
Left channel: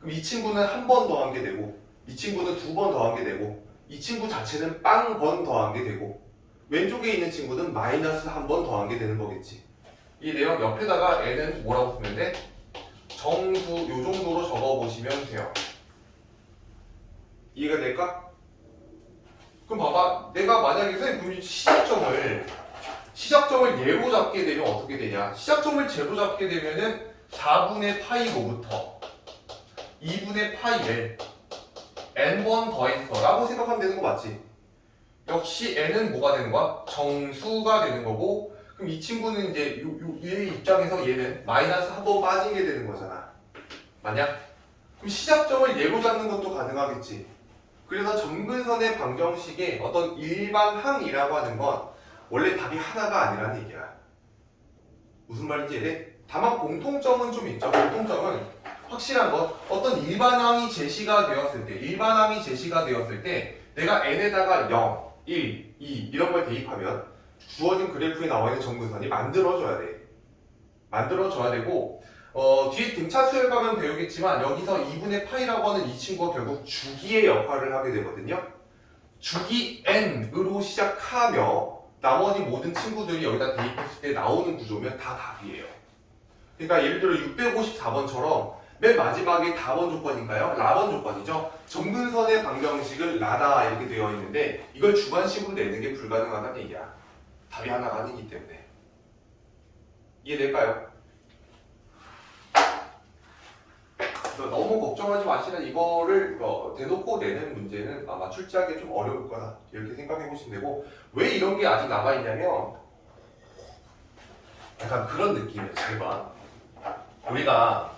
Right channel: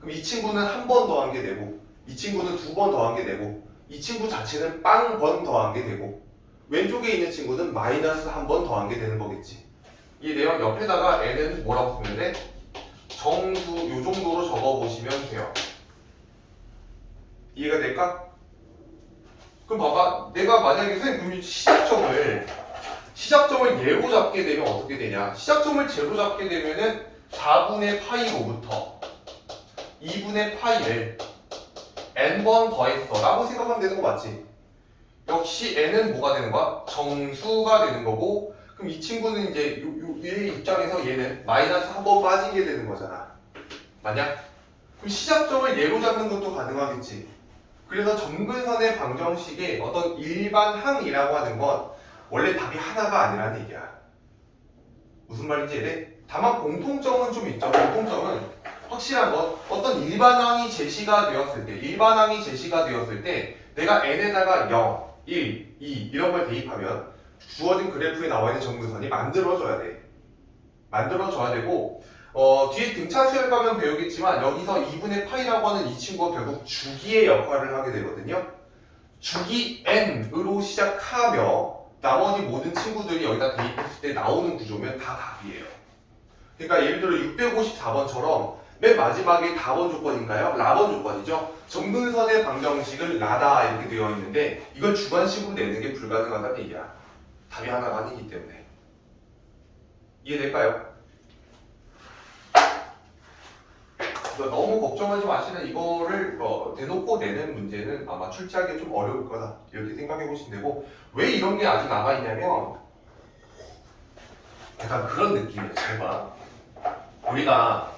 그럼 이 친구는 한 번 더한 게 되고, 이 친구는 2번 더한 게 되고, 이 친구 자체는 빵번 더한 게 되고, 왼쪽에 있는 친구는 마이너스 한 번 더한 게 되는 거겠지. 이 내용 옆에다가 n은 뭐라고 쓰면 돼? 정수 요 정도로 적어보시면 돼요. 이해가 될까? 그럼 봐봐, 내가 만약에 선생님 시작점을 예로 잡게 되면 어떻게 되냐? 시작점을 제로 잡게 되면은 4분의 파이로부터 2분의 파이를 n번 더했어 라고 생각하면 되는 거 맞지? 역시 n은 뭐가 되는 거야? 정수가 되는 거고, 그럼 이 친구는 이제 얘 입장에서 얘는 마이너스 한 번 빠진 게 되는 거잖아. 맞냐? 그럼 시작점을 예로 잡는 것도 가능하겠지. 그래서 점근선의 방정식의 어떤 일반항이라고 하는 건 원래 답이 하나가 아니라는 얘기야. 무슨 말인지 이해? 다만 공통점은 좀 있죠. 공통점은 확실한 건 어떤 일반항이 제시가 되었을 때 내가 n에다가 0, 1, 2 이런 걸 대입하면 주어진 그래프에 나와 있는 점근선이 만들어져야 돼. 만들어져야 되고 뒤에 등차 수열 가면 배우겠지만 여기서 2분의 파이라고 하는 이 친구가 결국 주기의 역할을 하게 되거든요. 주기 n으로 시작하며 나머지 모든 친구들이 여기다 대입했을 때 나오는 구조면 다 답이에요. 그러니까 예를 들어 654번처럼 맨 마지막에 답원 조건인가요? 라번 조건이죠. 점근선의 방정식은 라다 이렇게 되어 있는데 이걸 주관식으로 내는 게 불가능하다는 얘기야. 답이 하나가 아니기 때문에. 이해될까요? 너무 걱정하지 마시는 이거를 대놓고 내는 문제는 아마 출제하기 좀 어려울 거다 이렇게 생각해 보시면 되고 왜 이런 게 아직 남아있냐면 약간 그런 느낌이에요. 잘 봐. 우리가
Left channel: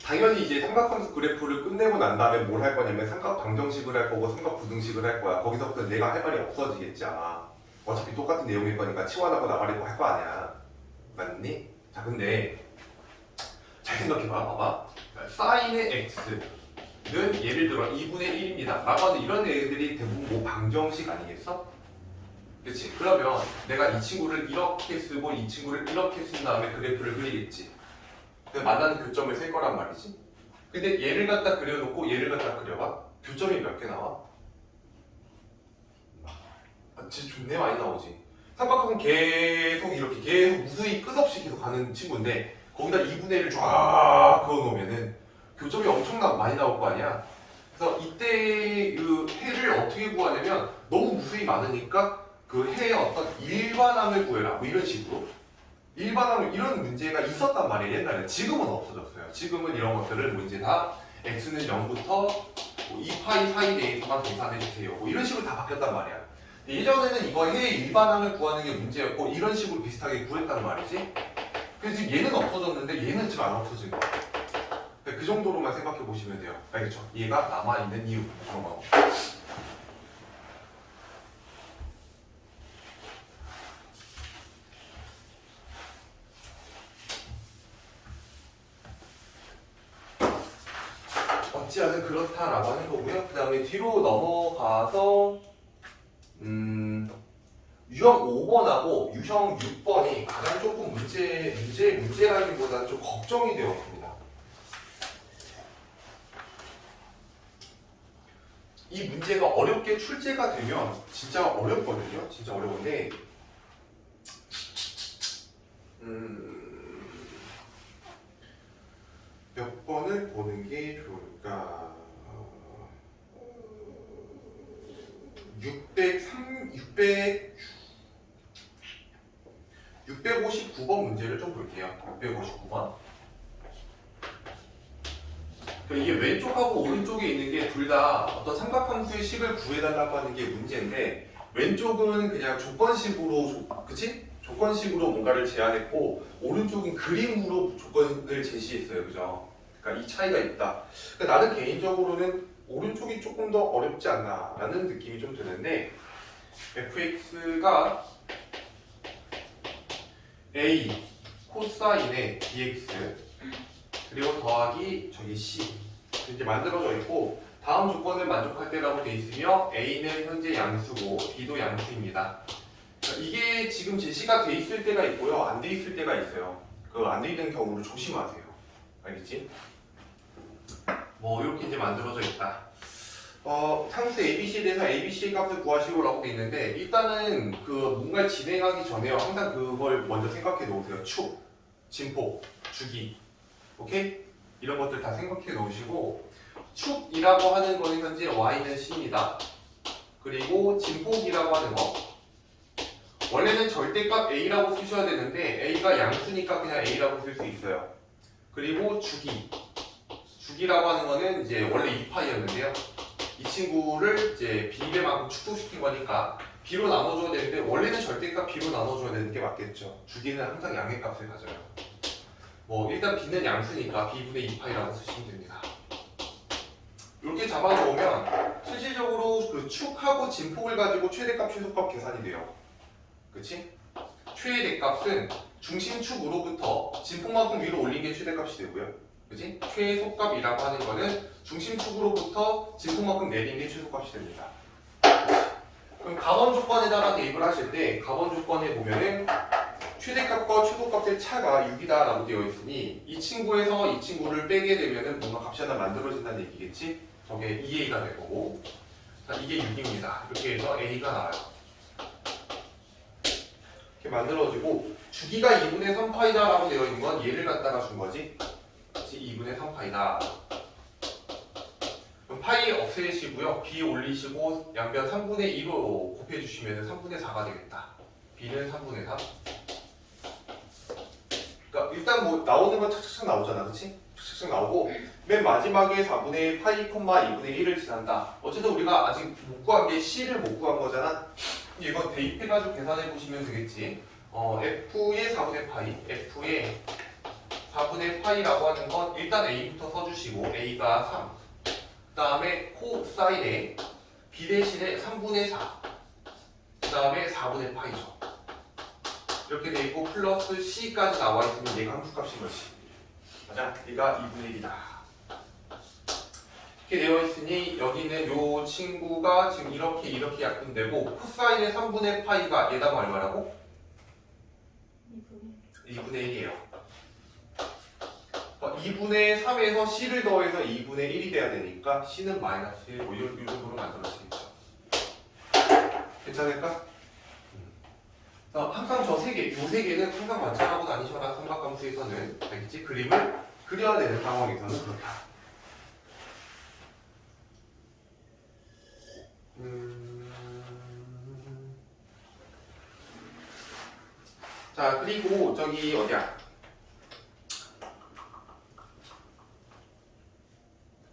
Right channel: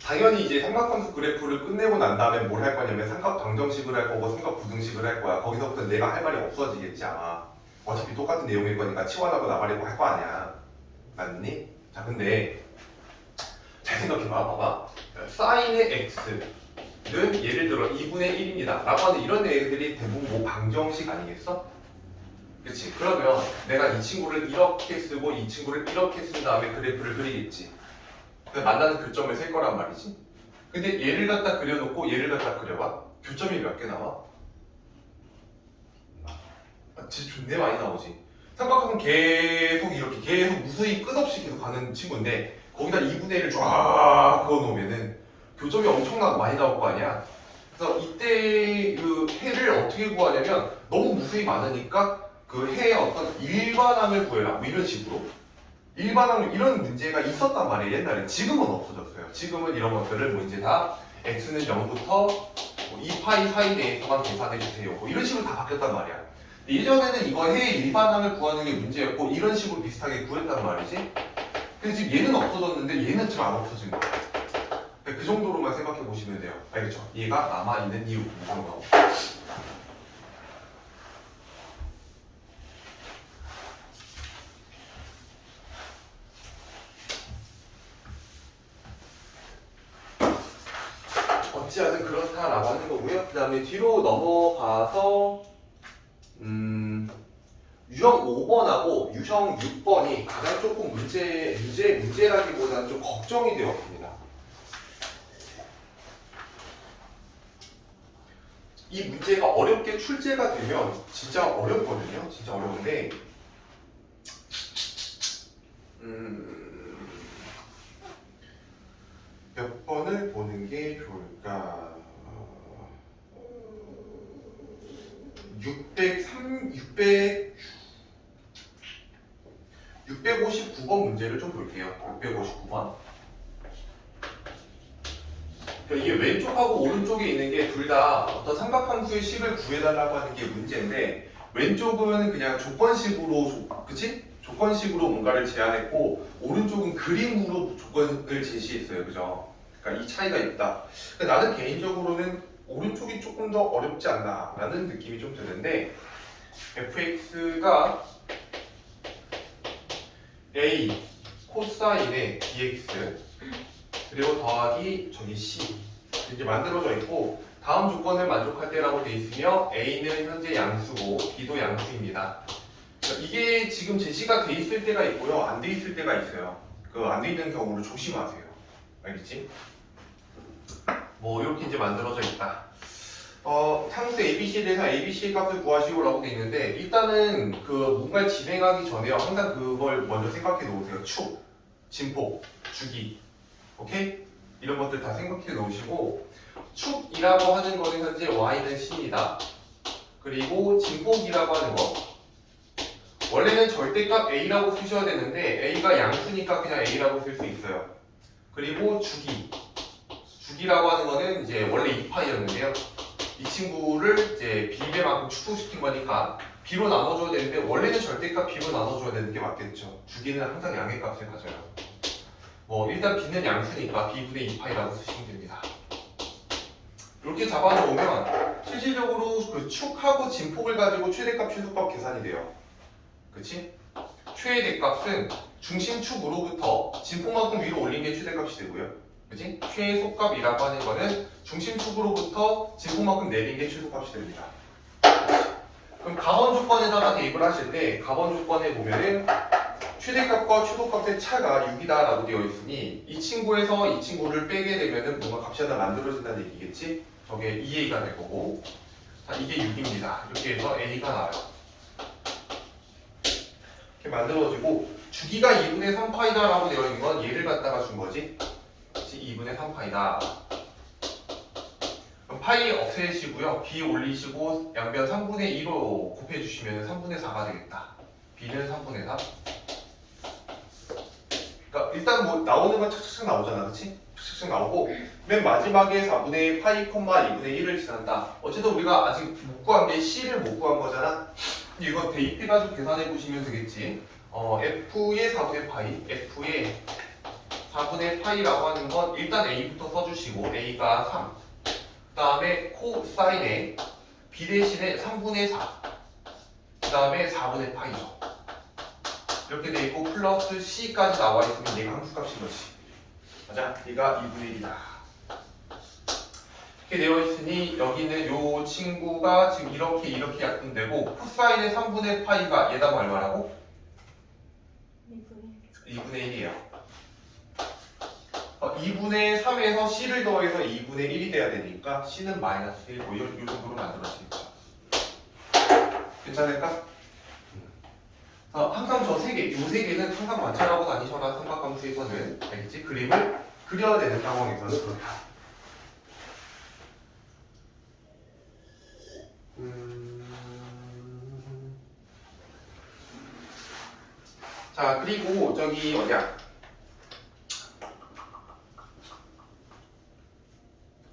당연히 이제 삼각함수 그래프를 끝내고 난 다음에 뭘 할 거냐면 삼각 방정식을 할 거고 삼각 부등식을 할 거야. 거기서부터 내가 할 말이 없어지겠지 아마. 어차피 똑같은 내용일 거니까 치환하고 나발이고 할 거 아니야. 맞니? 자 근데 잘 생각해봐. 봐봐. 사인의 x는 예를 들어 2분의 1입니다. 라고 하는 이런 애들이 대부분 뭐 방정식 아니겠어? 그치? 그러면 내가 이 친구를 이렇게 쓰고 이 친구를 이렇게 쓴 다음에 그래프를 그리겠지. 만나는 교점을 셀 거란 말이지. 근데 얘를 갖다 그려놓고 얘를 갖다 그려봐. 교점이 몇 개 나와? 진짜 존내 많이 나오지. 삼각형은 계속 이렇게 계속 무수히 끝없이 계속 가는 친구인데 거기다 2분의 1을 쫙 그어놓으면은 교점이 엄청나게 많이 나올 거 아니야. 그래서 이때 그 해를 어떻게 구하냐면 너무 무수히 많으니까 그 해의 어떤 일반항을 구해라 뭐 이런 식으로 일반항 이런 문제가 있었단 말이에요. 옛날에. 지금은 없어졌어요. 지금은 이런 것들을 뭐 이제 다 x는 0부터 뭐 2파이 사이 내에서만 계산해 주세요 뭐 이런 식으로 다 바뀌었단 말이야. 예전에는 이거 해의 일반항을 구하는 게 문제였고 이런 식으로 비슷하게 구했단 말이지. 근데 지금 얘는 없어졌는데 얘는 지금 안 없어진 거야. 그 정도로만 생각해 보시면 돼요. 알겠죠? 얘가 남아있는 이유 무슨 거. 어찌하든 그렇다라고 하는 거고요. 그 다음에 뒤로 넘어가서 유형 5번하고 유형 6번이 가장 조금 문제라기보다는 좀 걱정이 되었습니다. 이 문제가 어렵게 출제가 되면 진짜 어렵거든요. 진짜 어려운데 몇 번을 보는 게 좋을까? 659번 문제를 좀 볼게요. 659번. 이게 왼쪽하고 오른쪽에 있는 게 둘 다 어떤 삼각함수의 식을 구해달라고 하는 게 문제인데 왼쪽은 그냥 조건식으로 그치? 조건식으로 뭔가를 제안했고 오른쪽은 그림으로 조건을 제시했어요. 그죠? 그러니까 이 차이가 있다. 그러니까 나는 개인적으로는 오른쪽이 조금 더 어렵지 않나 라는 느낌이 좀 드는데 fx가 a 코사인의 dx 그리고 더하기 저기 c 이렇게 만들어져 있고 다음 조건을 만족할 때라고 돼 있으며 a는 현재 양수고 b도 양수입니다. 이게 지금 제시가 돼 있을 때가 있고요, 안 돼 있을 때가 있어요. 그 안 돼 있는 경우를 조심하세요. 알겠지? 뭐 이렇게 이제 만들어져 있다. 상수 ABC에 대해서 ABC 값을 구하시오라고 돼 있는데 일단은 그 뭔가를 진행하기 전에요. 항상 그걸 먼저 생각해 놓으세요. 축, 진폭, 주기, 오케이? 이런 것들 다 생각해 놓으시고 축이라고 하는 거는 현재 y는 c입니다. 그리고 진폭이라고 하는 거 원래는 절대값 a라고 쓰셔야 되는데 a가 양수니까 그냥 a라고 쓸 수 있어요. 그리고 주기라고 하는 거는 이제 원래 2파이였는데요. 이 친구를 이제 b배만큼 축소시킨 거니까 b로 나눠줘야 되는데 원래는 절대값 b로 나눠줘야 되는 게 맞겠죠. 주기는 항상 양의 값을 가져요. 뭐 일단 b는 양수니까 b분의 2파이라고 쓰시면 됩니다. 이렇게 잡아놓으면 실질적으로 그 축하고 진폭을 가지고 최대값, 최소값 계산이 돼요. 그치? 최대값은 중심축으로부터 진폭만큼 위로 올린 게 최대값이 되고요. 그치? 최소값이라고 하는 거는 중심축으로부터 진폭만큼 내린 게 최소값이 됩니다. 그럼 가번 조건에다가 대입을 하실 때 가번 조건에 보면은 최대값과 최소값의 차가 6이다라고 되어 있으니 이 친구에서 이 친구를 빼게 되면은 뭔가 값이 하나 만들어진다는 얘기겠지? 저게 2a가 될 거고, 자, 이게 6입니다. 이렇게 해서 a가 나와요. 이렇게 만들어지고 주기가 2분의 3파이다라고 되어 있는 건 얘를 갖다가 준 거지. 2분의 3파이다. 그럼 파이 없애시고요. b 올리시고 양변 3분의 2로 곱해주시면 3분의 4가 되겠다. b는 3분의 4. 그러니까 일단 뭐 나오는 건 착착착 나오잖아, 그렇지? 착착착 나오고 맨 마지막에 4분의 파이, 2분의 1을 지난다. 어쨌든 우리가 아직 못 구한 게 c를 못 구한 거잖아. 이거 대입해가지고 계산해 보시면 되겠지. f의 4분의 파이, f의 4분의 파이라고 하는 건 일단 a부터 써주시고 a가 3. 그 다음에 코사인에 b 대신에 3분의 4. 그 다음에 4분의 파이죠. 이렇게 돼 있고 플러스 c까지 나와 있으면 얘가 함수값인 거지. 맞아? 얘가 2분의 1이다. 이렇게 되어 있으니 여기는 요 친구가 지금 이렇게 약분되고 코사인의 3분의 파이가 얘다가 얼마라고? 2분의 1이에요. 2분의 3에서 c를 더해서 2분의 1이 돼야 되니까 c는 마이너스 1, 뭐 이 정도로 만들어지니까 괜찮을까? 항상 저 세 개, 요 세 개는 항상 관찰하고 다니셔라. 삼각함수에서는 알겠지? 그림을 그려야 되는 상황에서는 그렇다. 자, 그리고 저기 어디야?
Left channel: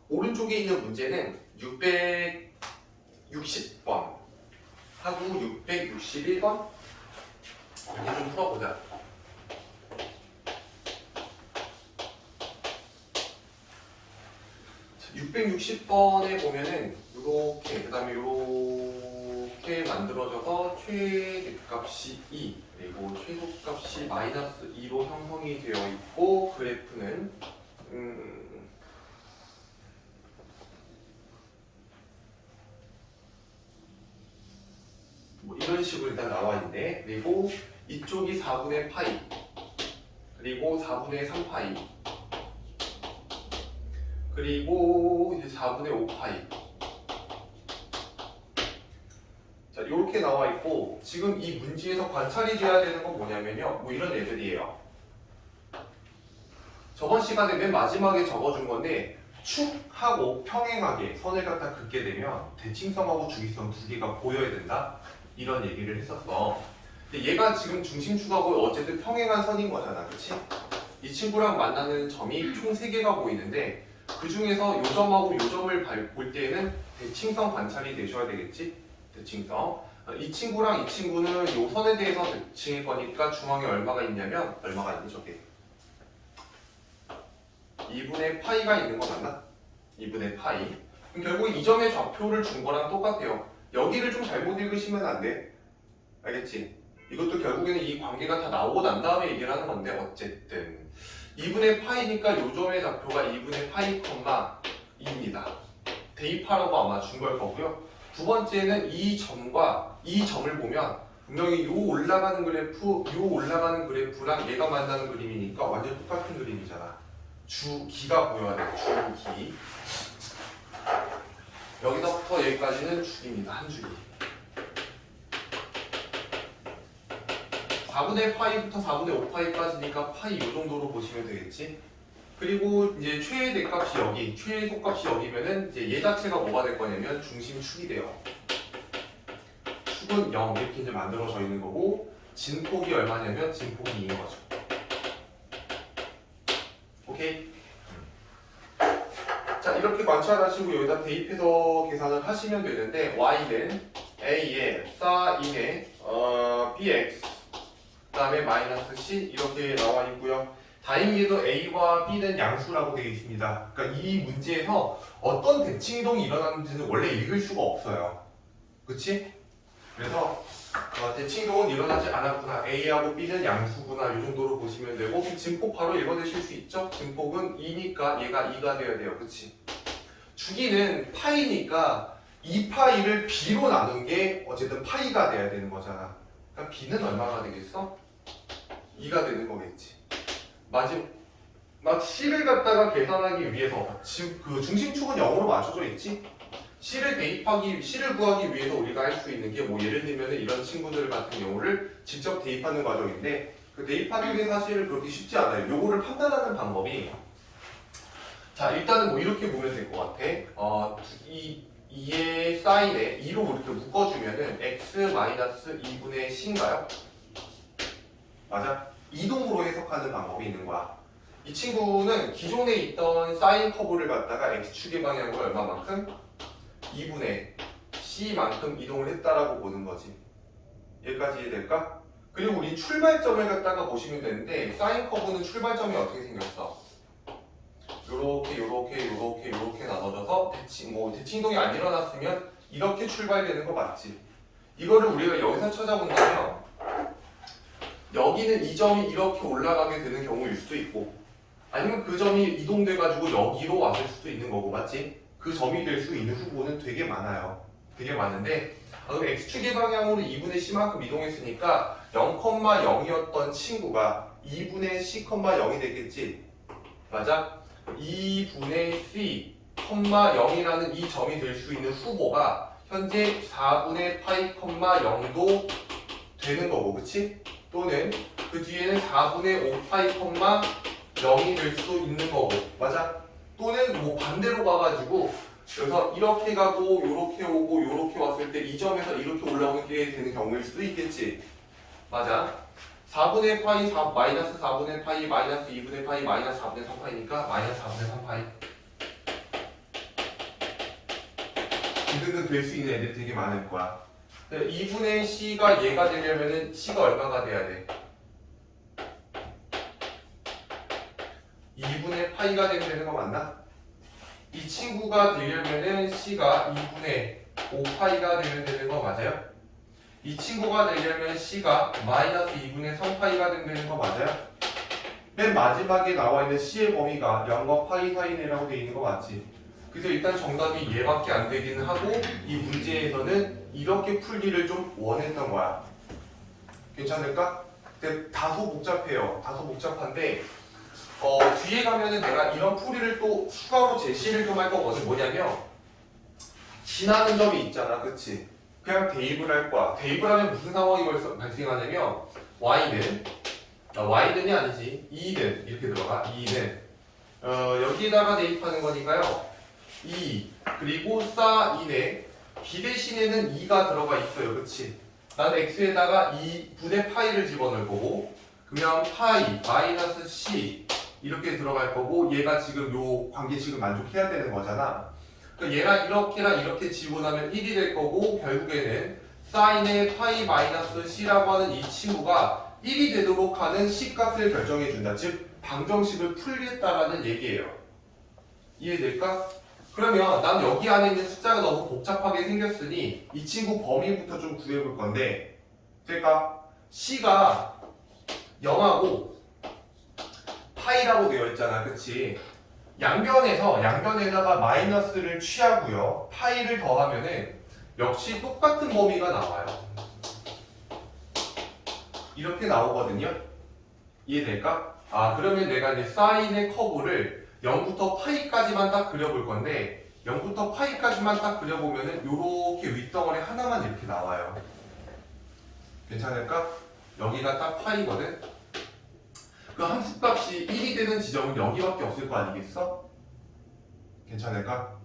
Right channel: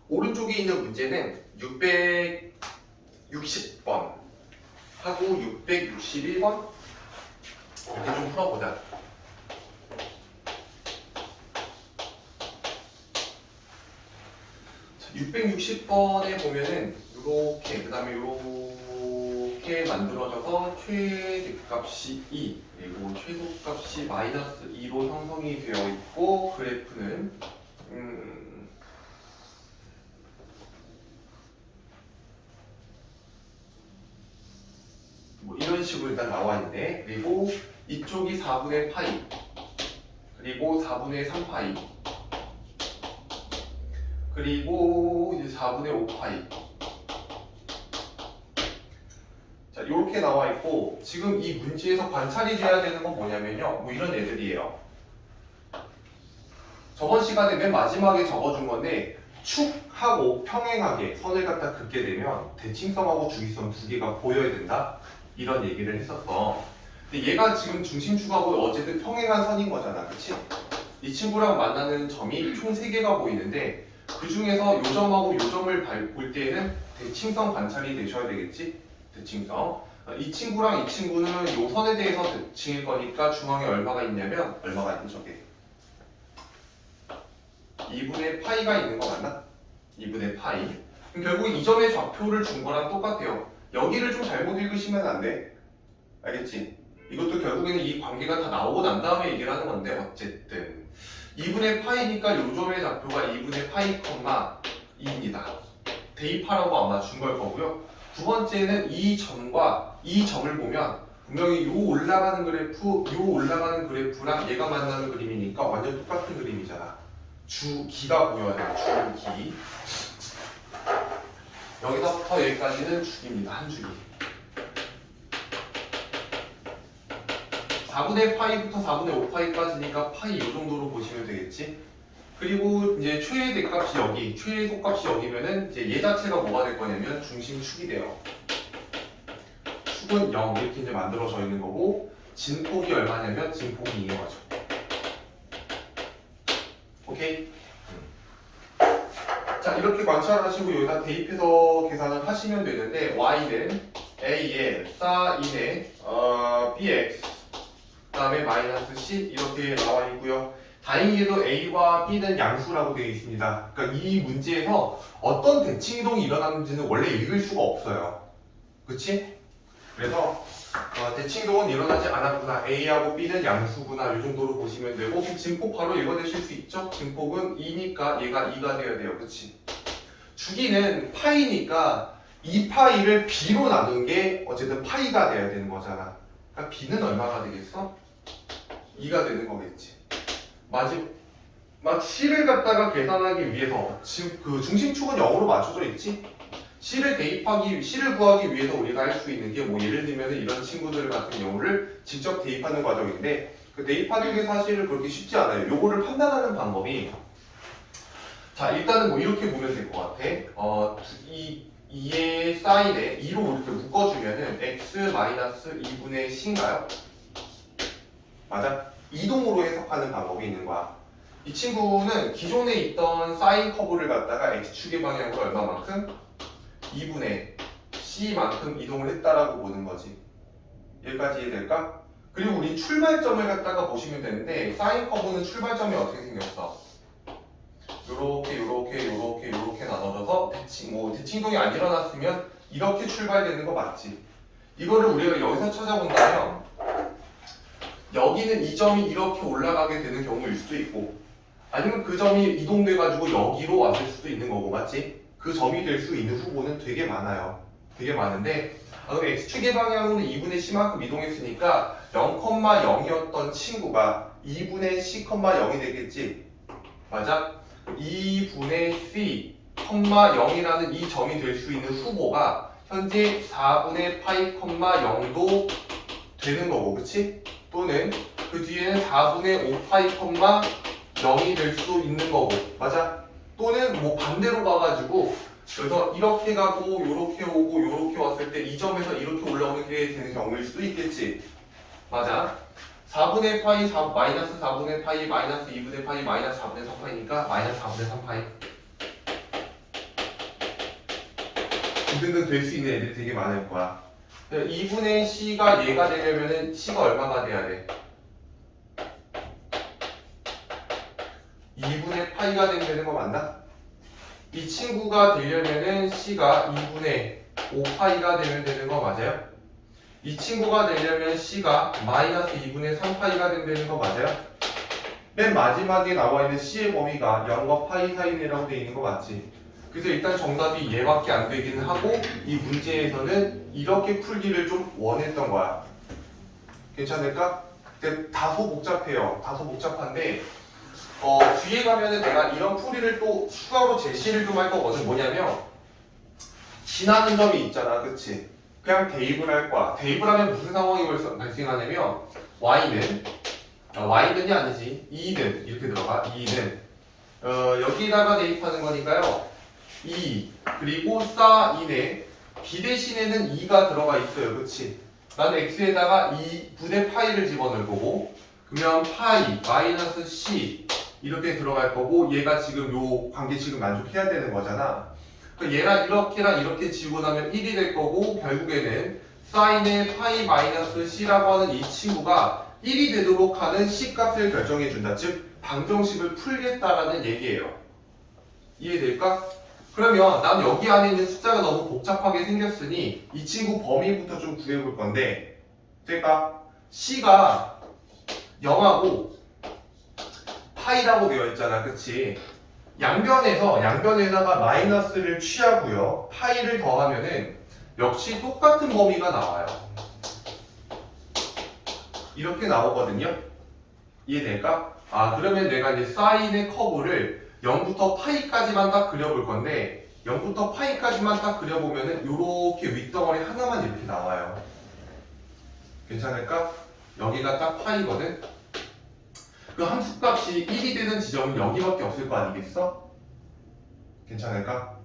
오른쪽에 있는 문제는 660번 하고 661번 이렇게 좀 풀어보자. 660번에 보면은 이렇게 그 다음에 이렇게 만들어져서 최대값이 2 그리고 최소값이 마이너스 2로 형성이 되어 있고 그래프는 뭐 이런 식으로 일단 나와 있는데 그리고 이쪽이 4분의 파이 그리고 4분의 3파이 그리고 이제 4분의 5파이 자 이렇게 나와 있고 지금 이 문제에서 관찰이 돼야 되는 건 뭐냐면요 뭐 이런 애들이에요. 저번 시간에 맨 마지막에 적어준 건데 축하고 평행하게 선을 갖다 긋게 되면 대칭성하고 주기성 두 개가 보여야 된다 이런 얘기를 했었어. 근데 얘가 지금 중심축하고 어쨌든 평행한 선인 거잖아, 그렇지? 이 친구랑 만나는 점이 총 3개가 보이는데 그 중에서 요 점하고 요 점을 볼 때에는 대칭성 관찰이 되셔야 되겠지? 대칭성. 이 친구랑 이 친구는 요 선에 대해서 대칭일 거니까 중앙에 얼마가 있냐면 얼마가 있는 저게 2분의 파이가 있는 거 맞나? 2분의 파이. 그럼 결국 이 점의 좌표를 준 거랑 똑같아요. 여기를 좀 잘못 읽으시면 안 돼. 알겠지? 이것도 결국에는 이 관계가 다 나오고 난 다음에 얘기를 하는 건데 어쨌든 2분의 파이니까 요 점의 좌표가 2분의 파이, 2입니다. 대입하라고 아마 준 걸 거고요. 두 번째는 이 점과 이 점을 보면 분명히 요 올라가는 그래프랑 얘가 만나는 그림이니까 완전 똑같은 그림이잖아. 주기가 보여야 돼요. 주기. 여기서부터 여기까지는 주기입니다. 한 주기. 4분의 파이부터 4분의 5파이까지니까 파이 이 정도로 보시면 되겠지. 그리고 이제 최대값이 여기, 최소값이 여기면은 이제 얘 자체가 뭐가 될 거냐면 중심축이 돼요. 축은 0 이렇게 이제 만들어져 있는 거고 진폭이 얼마냐면 진폭이 2인 거죠. 오케이. 자 이렇게 관찰하시고 여기다 대입해서 계산을 하시면 되는데 y는 a에 사인에 bx 그 다음에 마이너스 c 이렇게 나와 있고요. 다행히도 A와 B는 양수라고 되어 있습니다. 그러니까 이 문제에서 어떤 대칭이동이 일어나는지는 원래 읽을 수가 없어요. 그치? 그래서 대칭동은 일어나지 않았구나. A하고 B는 양수구나. 이 정도로 보시면 되고 증폭 바로 읽어내실 수 있죠? 증폭은 2니까 얘가 2가 되어야 돼요. 그치? 주기는 파이니까 2파이를 B로 나눈 게 어쨌든 파이가 돼야 되는 거잖아. 그러니까 B는 얼마가 되겠어? 2가 되는 거겠지. 마지막 C를 갖다가 계산하기 위해서 지금 그 중심축은 0으로 맞춰져 있지? C를 구하기 위해서 우리가 할 수 있는 게 뭐 예를 들면 이런 친구들 같은 경우를 직접 대입하는 과정인데 그 대입하는 게 사실은 그렇게 쉽지 않아요. 요거를 판단하는 방법이 자 일단은 뭐 이렇게 보면 될 것 같아. 2의 사인에 2로 이렇게 묶어주면은 x-2분의 c인가요? 맞아? 이동으로 해석하는 방법이 있는 거야. 이 친구는 기존에 있던 사인 커브를 갖다가 x축의 방향으로 얼마만큼? 2분의 c만큼 이동을 했다라고 보는 거지. 여기까지 이해될까? 그리고 우리 출발점을 갖다가 보시면 되는데 사인 커브는 출발점이 어떻게 생겼어? 요렇게 나눠져서 대칭동이 안 일어났으면 이렇게 출발되는 거 맞지? 이거를 우리가 여기서 찾아본다면 여기는 이 점이 이렇게 올라가게 되는 경우일 수도 있고 아니면 그 점이 이동돼가지고 여기로 왔을 수도 있는 거고 맞지? 그 점이 될 수 있는 후보는 되게 많아요. 되게 많은데 그럼 x축의 방향으로 2분의 c만큼 이동했으니까 0,0이었던 친구가 2분의 c,0이 되겠지? 맞아? 2분의 c, 0이라는 이 점이 될 수 있는 후보가 현재 4분의 파이, 0도 되는 거고 그치? 또는 그 뒤에는 4분의 5파이, 0이 될 수도 있는 거고 맞아? 또는 뭐 반대로 가가지고 그래서 이렇게 가고 요렇게 오고 요렇게 왔을 때 이 점에서 이렇게 올라오는 게 되는 경우일 수도 있겠지. 맞아. 4분의 파이, 마이너스 4분의 파이, 마이너스 2분의 파이, 마이너스 4분의 3파이니까 마이너스 4분의 3파이. 등등등 될 수 있는 애들 되게 많을 거야. 2분의 c가 얘가 되려면은 c가 얼마가 돼야 돼? 2분의 파이가 되는 거 맞나? 이 친구가 되려면은 c가 2분의 5파이가 되면 되는 거 맞아요? 이 친구가 되려면 c가 마이너스 2분의 3파이가 되는 거 맞아요? 맨 마지막에 나와 있는 c의 범위가 0과 파이 사이라고 되어 있는 거 맞지? 그래서 일단 정답이 얘밖에 안 되기는 하고 이 문제에서는 이렇게 풀기를 좀 원했던 거야. 괜찮을까? 근데 다소 복잡해요. 다소 복잡한데 뒤에 가면은 내가 이런 풀이를 또 추가로 제시를 좀 할 거거든. 뭐냐면 지나는 점이 있잖아. 그치? 그냥 대입을 할 거야. 대입을 하면 무슨 상황이 발생하냐면 y는이 아니지 2는 이렇게 들어가. 2는 여기에다가 대입하는 거니까요. 2 그리고 2네 b 대신에는 2가 들어가 있어요. 그치? 나는 x에다가 2분의 파이를 집어넣을 거고 그러면 파이 마이너스 c 이렇게 들어갈 거고 얘가 지금 요 관계식을 만족해야 되는 거잖아. 얘가 이렇게랑 이렇게 지고 나면 1이 될 거고 결국에는 사인의 파이 마이너스 c라고 하는 이 친구가 1이 되도록 하는 c 값을 결정해 준다. 즉 방정식을 풀겠다라는 얘기예요. 이해될까? 그러면 난 여기 안에 있는 숫자가 너무 복잡하게 생겼으니 이 친구 범위부터 좀 구해볼 건데 될까? c가 0하고 파이라고 되어 있잖아. 그치? 양변에다가 마이너스를 취하고요. 파이를 더하면은 역시 똑같은 범위가 나와요. 이렇게 나오거든요. 이해될까? 그러면 내가 이제 사인의 커브를 0부터 파이까지만 딱 그려볼 건데 0부터 파이까지만 딱 그려보면은 요렇게 윗덩어리 하나만 이렇게 나와요. 괜찮을까? 여기가 딱 파이거든? 그 함수값이 1이 되는 지점은 여기밖에 없을 거 아니겠어? 괜찮을까?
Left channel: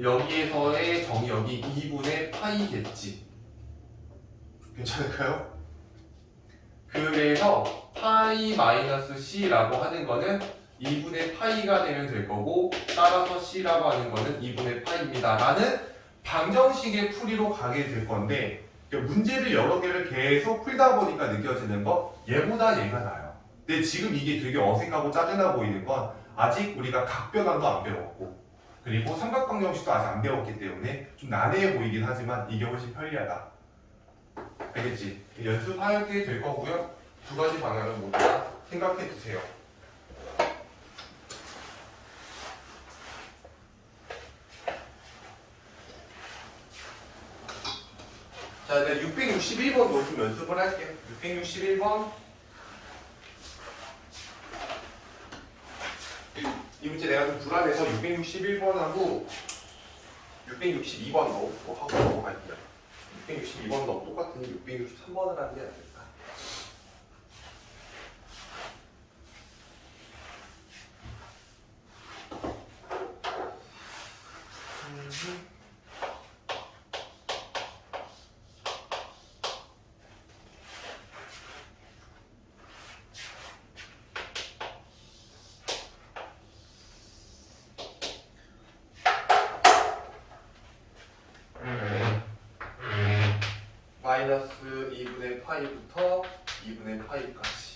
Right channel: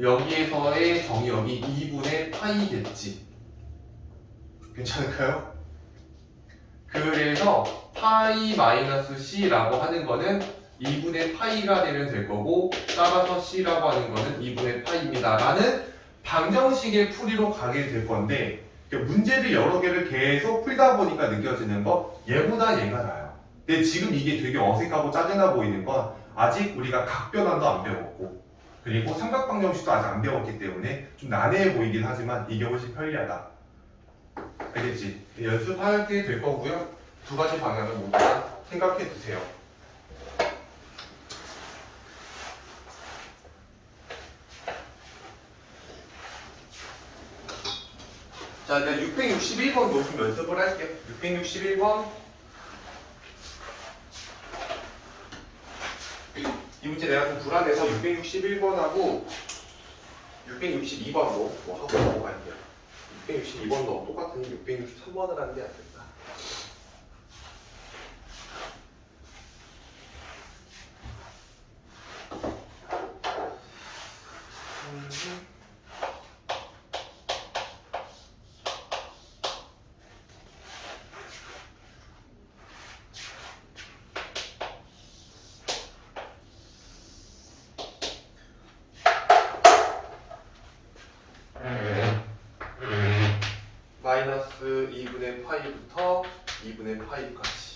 여기에서의 정의역이 2분의 파이겠지. 괜찮을까요? 그래서 파이 마이너스 c라고 하는 거는 2분의 파이가 되면 될 거고 따라서 c라고 하는 거는 2분의 파이입니다. 라는 방정식의 풀이로 가게 될 건데 문제를 여러 개를 계속 풀다 보니까 느껴지는 거 얘보다 얘가 나아요. 근데 지금 이게 되게 어색하고 짜증나 보이는 건 아직 우리가 각변환도 안 배웠고 그리고 삼각방정식도 아직 안 배웠기 때문에 좀 난해해 보이긴 하지만 이게 훨씬 편리하다. 알겠지? 연습하게 될 거고요. 두 가지 방향을 모두 다 생각해 두세요. 자, 내가 661번도 좀 연습을 할게. 661번. 이 문제 내가 좀 불안해서 661번하고 662번도 뭐 하고 넘어갈게요. 662번도 똑같은 663번을 하는 게 안 된다. 마이너스 2분의 파이부터 2분의 파이까지.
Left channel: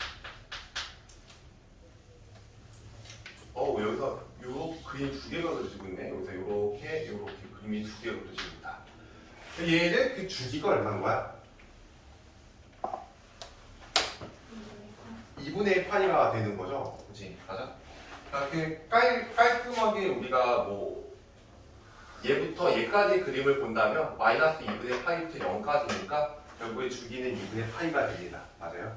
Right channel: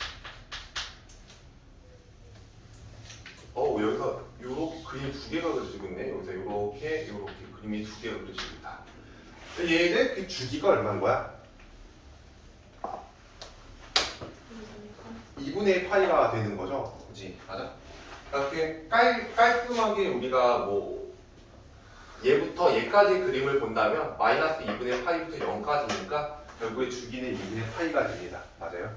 여기서 요 그림 두 개가 그려지고 있네. 여기서 요렇게 그림이 두 개가 그려지고 있다. 얘는 그 주기가 얼마인 거야? 2분의 1 파이가 되는 거죠? 그치? 맞아? 그냥 깔끔하게 우리가 뭐 얘부터 얘까지 그림을 본다면 마이너스 2분의 파이부터 0까지니까 결국에 주기는 2분의 파이가 됩니다. 맞아요?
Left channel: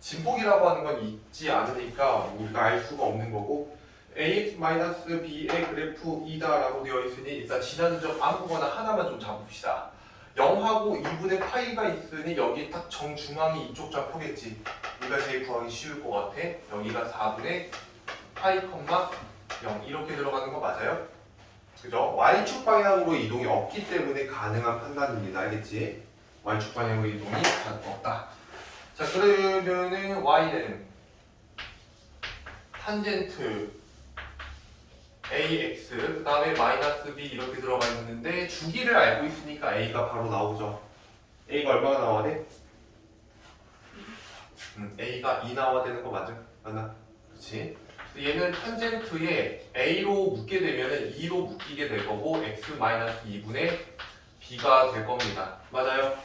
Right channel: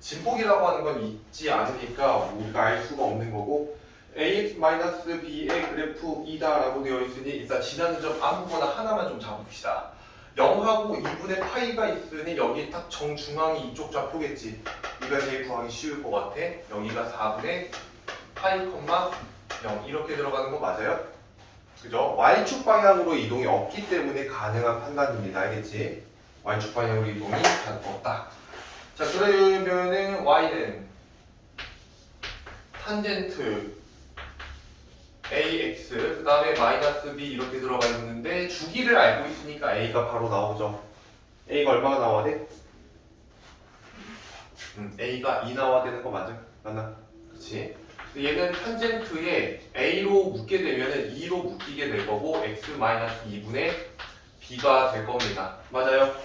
진폭이라고 하는 건 있지 않으니까 우리가 알 수가 없는 거고 ax-b의 그래프이다 라고 되어 있으니 일단 지나는 점 아무거나 하나만 좀 잡읍시다. 0하고 2분의 파이가 있으니 여기 딱 정중앙이 이쪽 좌표겠지. 이가 제일 구하기 쉬울 것 같아. 여기가 4분의 파이, 0 이렇게 들어가는 거 맞아요? 그죠? y축 방향으로 이동이 없기 때문에 가능한 판단입니다. 알겠지? y축 방향으로 이동이 없다. 자, 그러면은 y는 탄젠트 ax 그 다음에 마이너스 b 이렇게 들어가 있는데 주기를 알고 있으니까 a가 바로 나오죠. a가 얼마나 나와야 돼? a가 2 나와야 되는 거 맞아? 맞나? 그치? 얘는 탄젠트에 a로 묶게 되면은 2로 묶이게 될 거고 x-2분의 b가 될 겁니다. 맞아요?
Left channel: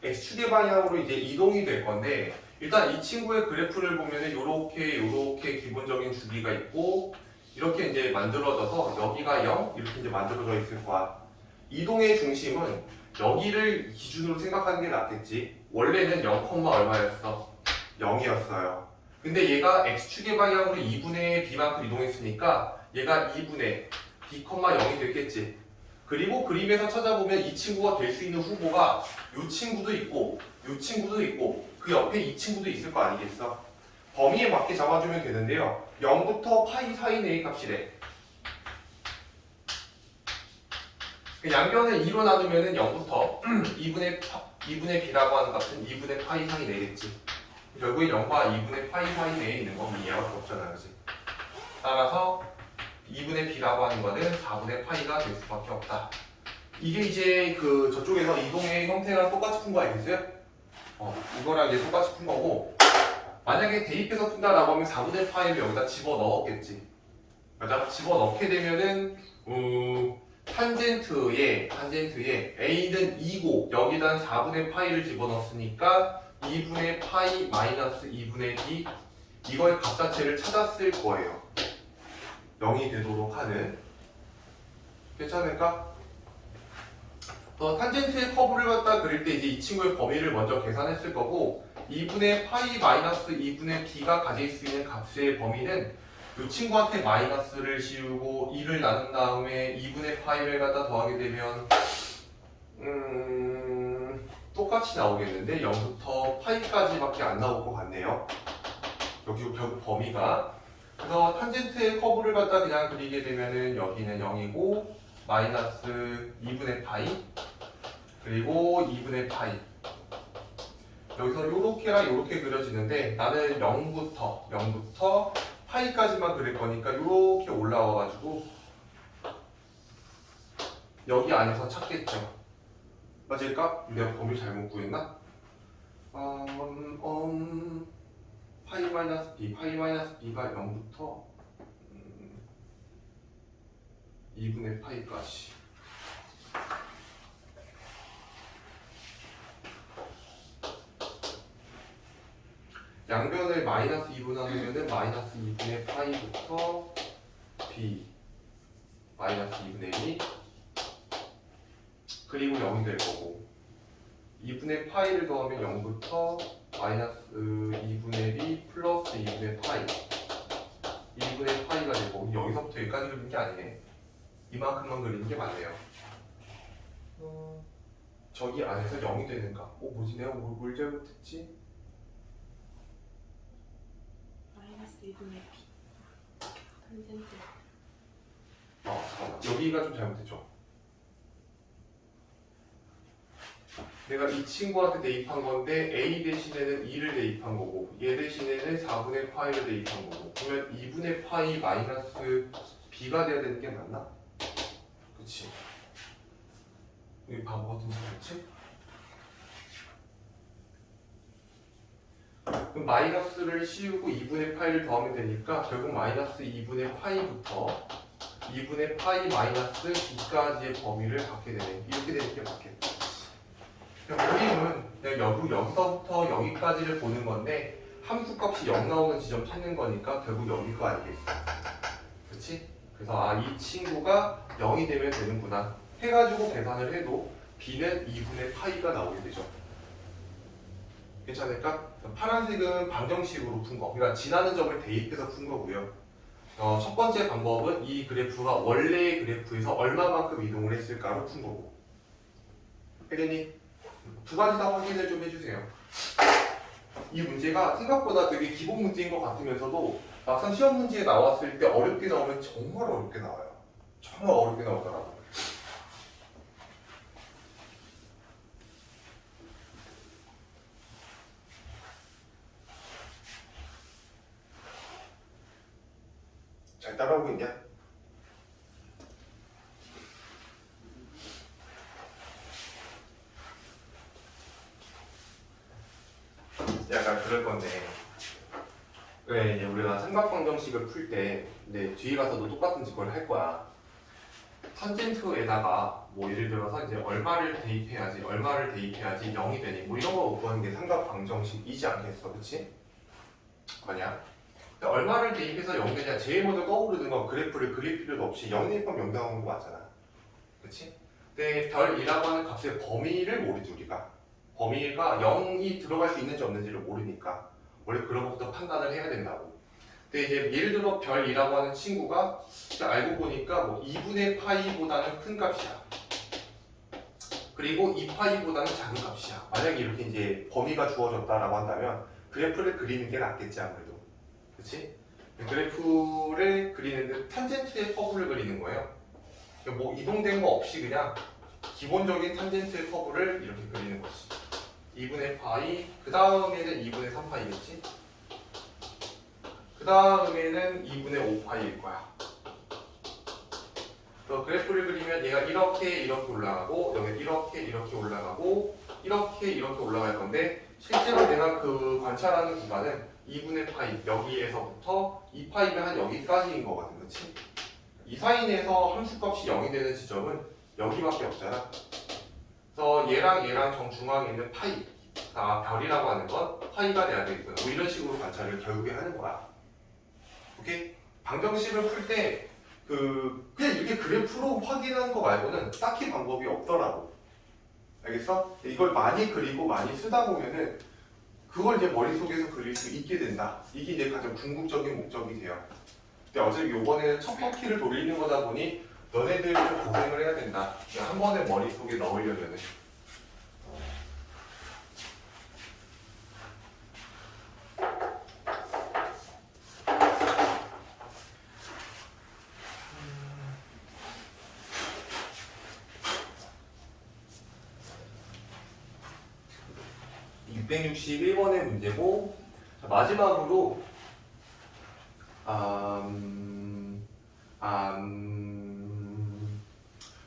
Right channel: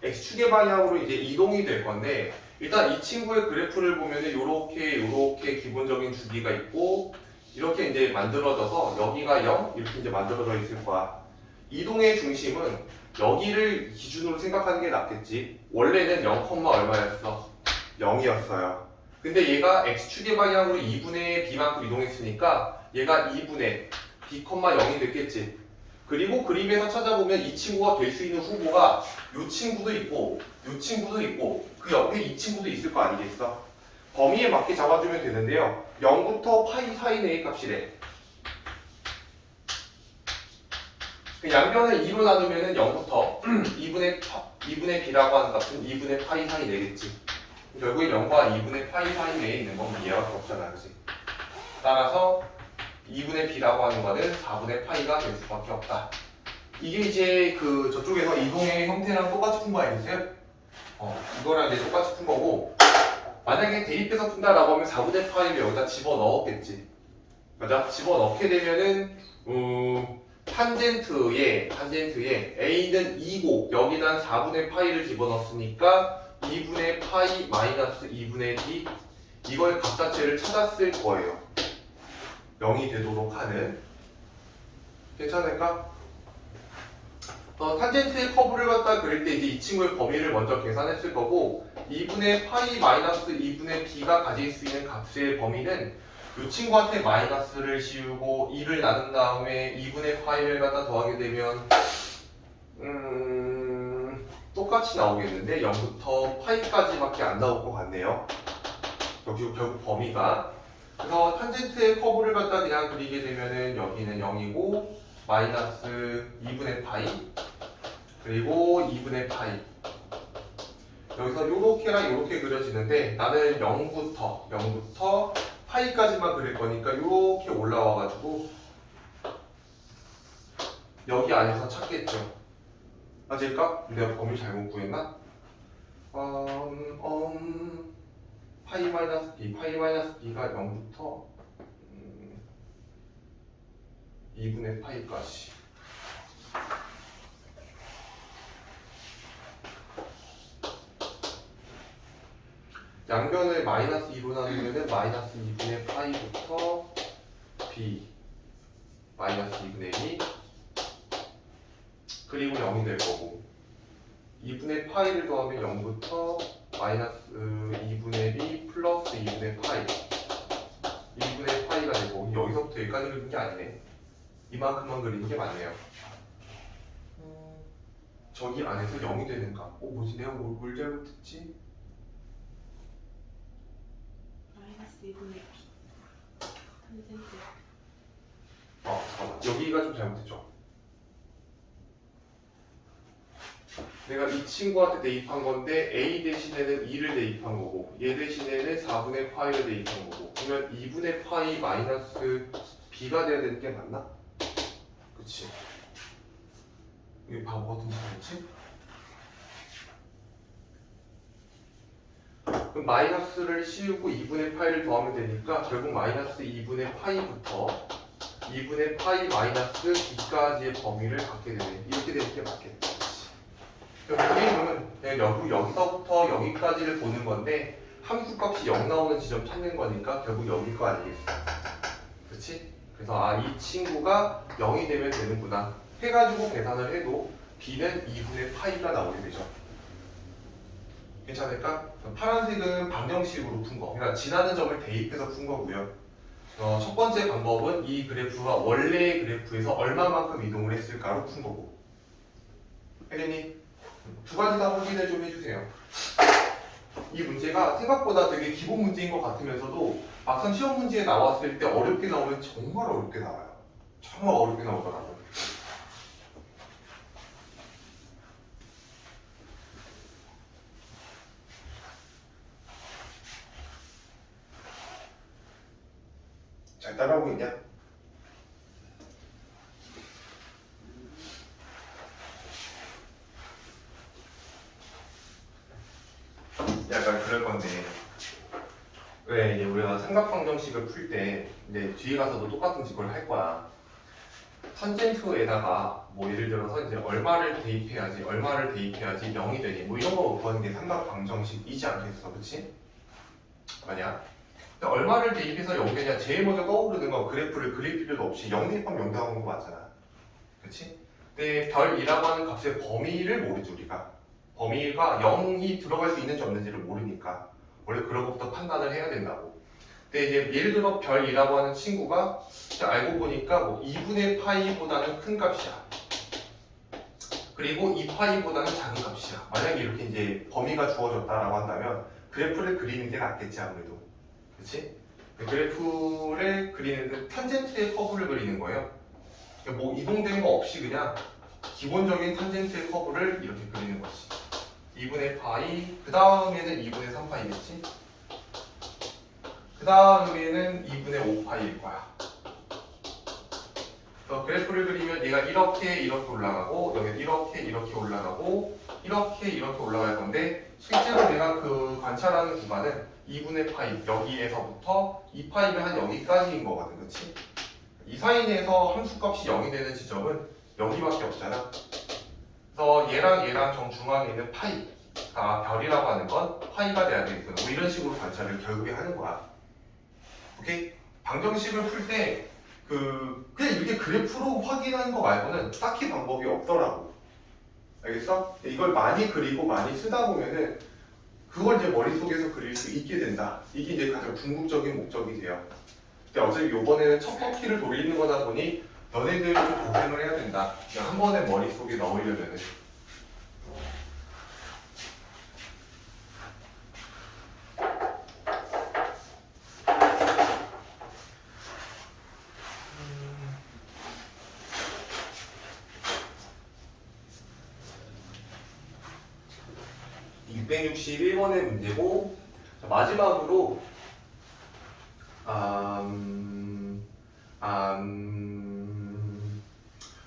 x축의 방향으로 이제 이동이 될 건데 일단 이 친구의 그래프를 보면은 요렇게 기본적인 주기가 있고 이렇게 이제 만들어져서 여기가 0 이렇게 이제 만들어져 있을 거야. 이동의 중심은 여기를 기준으로 생각하는 게 낫겠지. 원래는 0, 얼마였어? 0이었어요. 근데 얘가 x축의 방향으로 2분의 b만큼 이동했으니까 얘가 2분의 b, 0이 됐겠지. 그리고 그림에서 찾아보면 이 친구가 될 수 있는 후보가 이 친구도 있고 이 친구도 있고 그 옆에 이 친구도 있을 거 아니겠어? 범위에 맞게 잡아주면 되는데요. 0부터 파이 사이의 a 값이래. 양변을 2로 나누면 0부터 2분의 b라고 하는 값은 2분의 파이 사이 내겠지. 결국에 0과 2분의 파이 사이 내에 있는 건 이해할 수 없잖아, 그지? 따라서 2분의 b라고 하는 거는 4분의 파이가 될 수밖에 없다. 이게 이제 그 저쪽에서 이동의 형태랑 똑같이 푼 거 아니겠어요? 이거랑 이제 똑같이 푼 거고 만약에 대입해서 푼다라고 하면 4분의 파이를 여기다 집어넣었겠지. 맞아? 집어넣게 되면은 탄젠트에 a는 2고 여기다 4분의 파이를 집어넣었으니까 2분의 파이 마이너스 2분의 b 이걸 값 자체를 찾았을 거예요. 0이 되도록 하는. 괜찮을까? 탄젠트의 커브를 갖다 그릴 때 이제 이 친구의 범위를 먼저 계산했을 거고 2분의 파이 마이너스 2분의 b가 가질 수 있는 값의 범위는 이 친구한테 마이너스를 씌우고 2를 나눈 다음에 2분의 파이를 갖다 더하게 되면 똑같이 나오겠는데 0부터 파이까지밖에 안 나올 것 같네요. 결국 범위가. 그래서 탄젠트의 커브를 갖다 그냥 그리게 되면은 여기는 0이고 마이너스 2분의 파이 그리고 2분의 파이 여기서 요렇게랑 요렇게 그려지는데 나는 0부터 파이까지만 그릴 거니까 요렇게 올라와가지고 여기 안에서 찾겠죠. 맞을까? 내가 범위 잘못 구했나? 파이 마이너스 b, 파이 마이너스 b가 0부터 2분의 파이까지. 양변을 마이너스 2분하는 데는 마이너스 2분의 파이부터 b 마이너스 2분의 2 그리고 0이 될 거고 2분의 파이를 더하면 0부터 마이너스 2분의 b 플러스 2분의 파이 2분의 파이가 되고 여기서부터 여기까지 그리는 게 아니네. 이만큼만 그리는 게 맞네요. 저기 안에서 0이 되는가? 뭐지? 내가 뭘 잘못했지? 마이너스 2분의 b 탄젠트 잠깐만. 여기가 좀 잘못했죠? 내가 이 친구한테 대입한 건데 a 대신에는 2를 대입한 거고 얘 대신에는 4분의 파이를 대입한 거고 그러면 2분의 파이 마이너스 b가 돼야 되는 게 맞나? 그치? 여기 바보 같은 소리지? 그럼 마이너스를 씌우고 2분의 파이를 더하면 되니까 결국 마이너스 2분의 파이부터 2분의 파이 마이너스 b까지의 범위를 갖게 되네. 이렇게 되는 게 맞겠다. 그림은 여기서부터 여기까지를 보는 건데 함수값이 0 나오는 지점 찾는 거니까 결국 여기 거 아니겠어. 그렇지? 그래서 이 친구가 0이 되면 되는구나 해가지고 계산을 해도 b는 2분의 파이가 나오게 되죠. 괜찮을까? 파란색은 방정식으로 푼 거. 그러니까 지나는 점을 대입해서 푼 거고요. 첫 번째 방법은 이 그래프가 원래의 그래프에서 얼마만큼 이동을 했을까로 푼 거고. 혜린이 두 가지 다 확인을 좀 해주세요. 이 문제가 생각보다 되게 기본 문제인 것 같으면서도 막상 시험 문제에 나왔을 때 어렵게 나오면 정말 어렵게 나와요. 정말 어렵게 나오더라고요. 잘 따라오고 있냐? 약간 그럴 건데 왜 이제 우리가 삼각방정식을 풀 때 이제 뒤에 가서도 똑같은 걸 할 거야. 탄젠트에다가 뭐 예를 들어서 이제 얼마를 대입해야지 0이 되니 뭐 이런 거 구하는 게 삼각방정식이지 않겠어, 그렇지? 만약 얼마를 대입해서 0 되냐 제일 먼저 떠오르는 건 그래프를 그릴 필요도 없이 0 대입하면 0 나오는 거 맞잖아, 그렇지? 근데 별이라고 하는 값의 범위를 모르지 우리가. 범위가 0이 들어갈 수 있는지 없는지를 모르니까 원래 그런 것부터 판단을 해야 된다고. 근데 이제 예를 들어 별이라고 하는 친구가 알고 보니까 뭐 2분의 파이보다는 큰 값이야. 그리고 2파이보다는 작은 값이야. 만약에 이렇게 이제 범위가 주어졌다라고 한다면 그래프를 그리는 게 낫겠지 아무래도. 그렇지? 그래프를 그리는데 탄젠트의 커브를 그리는 거예요. 뭐 이동된 거 없이 그냥 기본적인 탄젠트의 커브를 이렇게 그리는 것이 2분의 파이, 그 다음에는 2분의 3파이겠지? 그 다음에는 2분의 5파이일 거야. 그래프를 그리면 얘가 이렇게 올라가고 여기 이렇게 올라가고 이렇게 올라갈 건데 실제로 내가 그 관찰하는 구간은 2분의 파이 여기에서부터 2파이가 한 여기까지인 거거든, 그치? 이 사인에서 함수값이 0이 되는 지점은 여기밖에 없잖아. 그래서 얘랑 정중앙에 있는 파이 별이라고 하는 건 파이가 돼야 되겠구나. 뭐 이런 식으로 관찰을 결국에 하는 거야. 오케이? 방정식을 풀 때 그냥 이렇게 그래프로 확인하는 거 말고는 딱히 방법이 없더라고. 알겠어? 이걸 많이 그리고 많이 쓰다 보면은 그걸 이제 머릿속에서 그릴 수 있게 된다. 이게 이제 가장 궁극적인 목적이 돼요. 근데 어차피 요번에는 첫 바퀴를 돌리는 거다 보니 너네들 좀 고생을 해야 된다. 그냥 한 번에 머릿속에 넣으려면은. 음. 661번의 문제고 마지막으로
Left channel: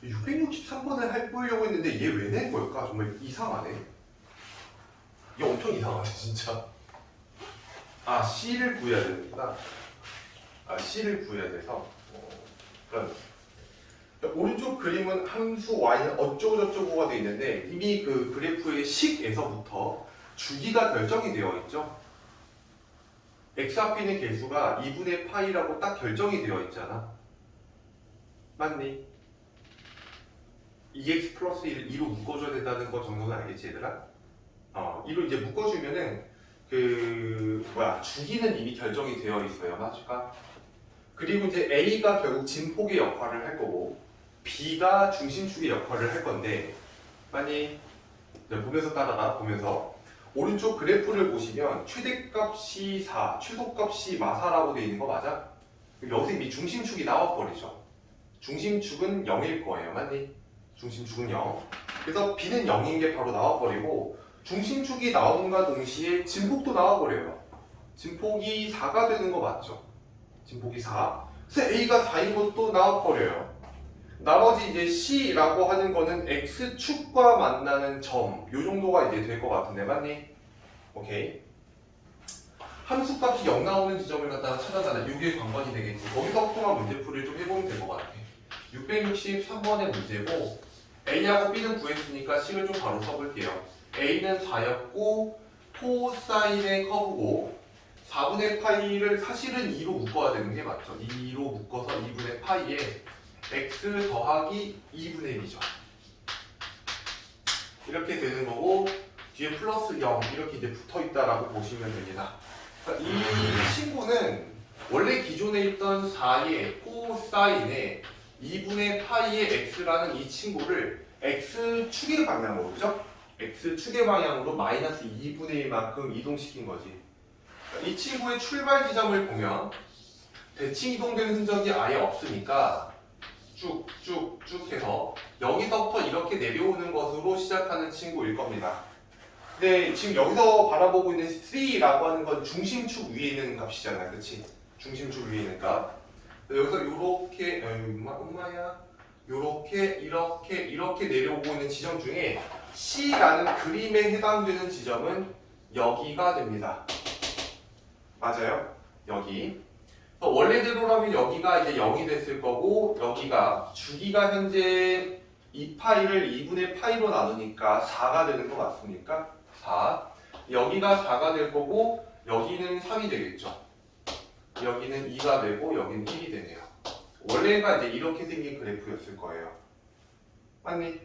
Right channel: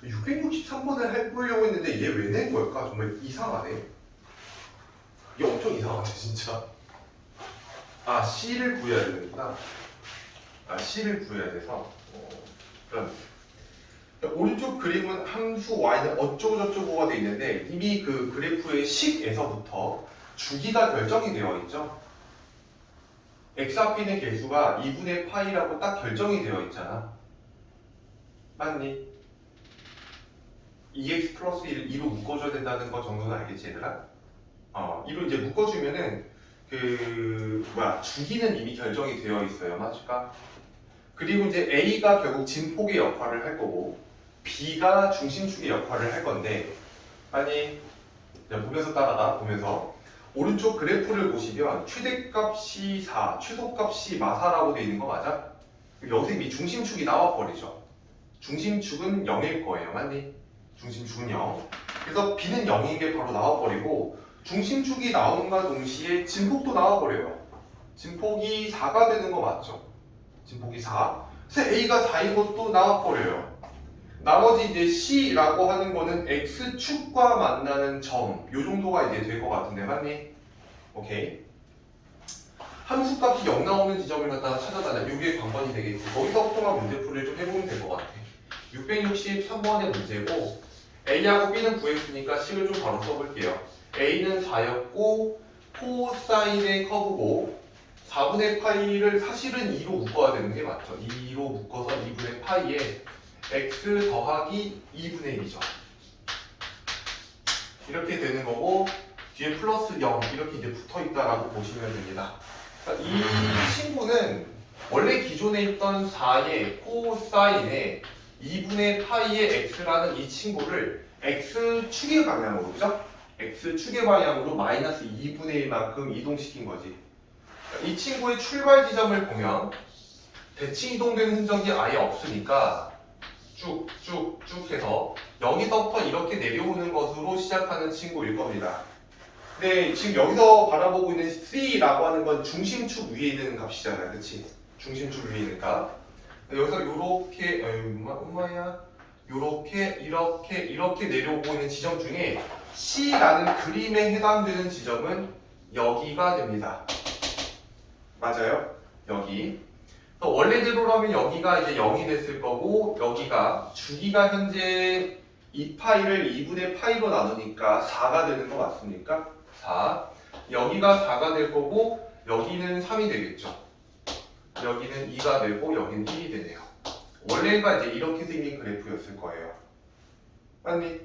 663 3번을 해보려고 했는데 얘 왜 낸 걸까? 정말 이상하네. 이게 엄청 이상하네 진짜. 아 C를 구해야 되는구나. 아 C를 구해야 돼서 그럼 오른쪽 그림은 함수 y는 어쩌고저쩌고가 돼 있는데 이미 그 그래프의 식에서부터 주기가 결정이 되어 있죠. x 앞에 있는 개수가 2분의 파이라고 딱 결정이 되어 있잖아. 맞니? 2x 플러스 1을 2로 묶어줘야 된다는 거 정도는 알겠지 얘들아? 2로 이제 묶어주면은 주기는 이미 결정이 되어 있어요. 맞을까? 그리고 이제 A가 결국 진폭의 역할을 할 거고 B가 중심축의 역할을 할 건데 아니 보면서 따라가 보면서 오른쪽 그래프를 보시면 최대값이 4, 최소값이 마사라고 되어 있는 거 맞아? 여기서 이미 중심축이 나와버리죠. 중심축은 0일 거예요. 맞니? 중심축은 0. 그래서 B는 0인 게 바로 나와버리고 중심축이 나오는가 동시에 진폭도 나와버려요. 진폭이 4가 되는 거 맞죠? 진폭이 4. 그래서 A가 4인 것도 나와버려요. 나머지 이제 C라고 하는 거는 X축과 만나는 점, 요 정도가 이제 될 것 같은데, 맞니? 오케이. 함수값이 0 나오는 지점을 갖다가 찾아다녀. 이게 관건이 되겠지. 거기서부터만 문제풀이를 좀 해보면 될 것 같아. 663번의 문제고, A하고 B는 구했으니까 C를 좀 바로 써볼게요. A는 4였고, 코사인의 커브고, 4분의 파이를 사실은 2로 묶어야 되는 게 맞죠. 2로 묶어서 2분의 파이에 x 더하기 2분의 1이죠. 이렇게 되는 거고 뒤에 플러스 0 이렇게 이제 붙어있다라고 보시면 됩니다. 이 친구는 원래 기존에 있던 4의 코사인에 2분의 파이의 x라는 이 친구를 x축의 방향으로, 그죠? x축의 방향으로 마이너스 2분의 1만큼 이동시킨 거지. 이 친구의 출발 지점을 보면 대칭 이동되는 흔적이 아예 없으니까 쭉쭉쭉 해서 여기서부터 이렇게 내려오는 것으로 시작하는 친구일 겁니다. 근데 지금 여기서 바라보고 있는 C라고 하는 건 중심축 위에 있는 값이잖아, 그치? 중심축 위에 있는 값. 여기서 요렇게, 엄마야, 요렇게, 이렇게 내려오고 있는 지점 중에 C라는 그림에 해당되는 지점은 여기가 됩니다. 맞아요? 여기. 원래대로라면 여기가 이제 0이 됐을 거고 여기가 주기가 현재 2파이를 2분의 파이로 나누니까 4가 되는 거 맞습니까? 4. 여기가 4가 될 거고 여기는 3이 되겠죠. 여기는 2가 되고 여기는 1이 되네요. 원래가 이제 이렇게 생긴 그래프였을 거예요. 아니,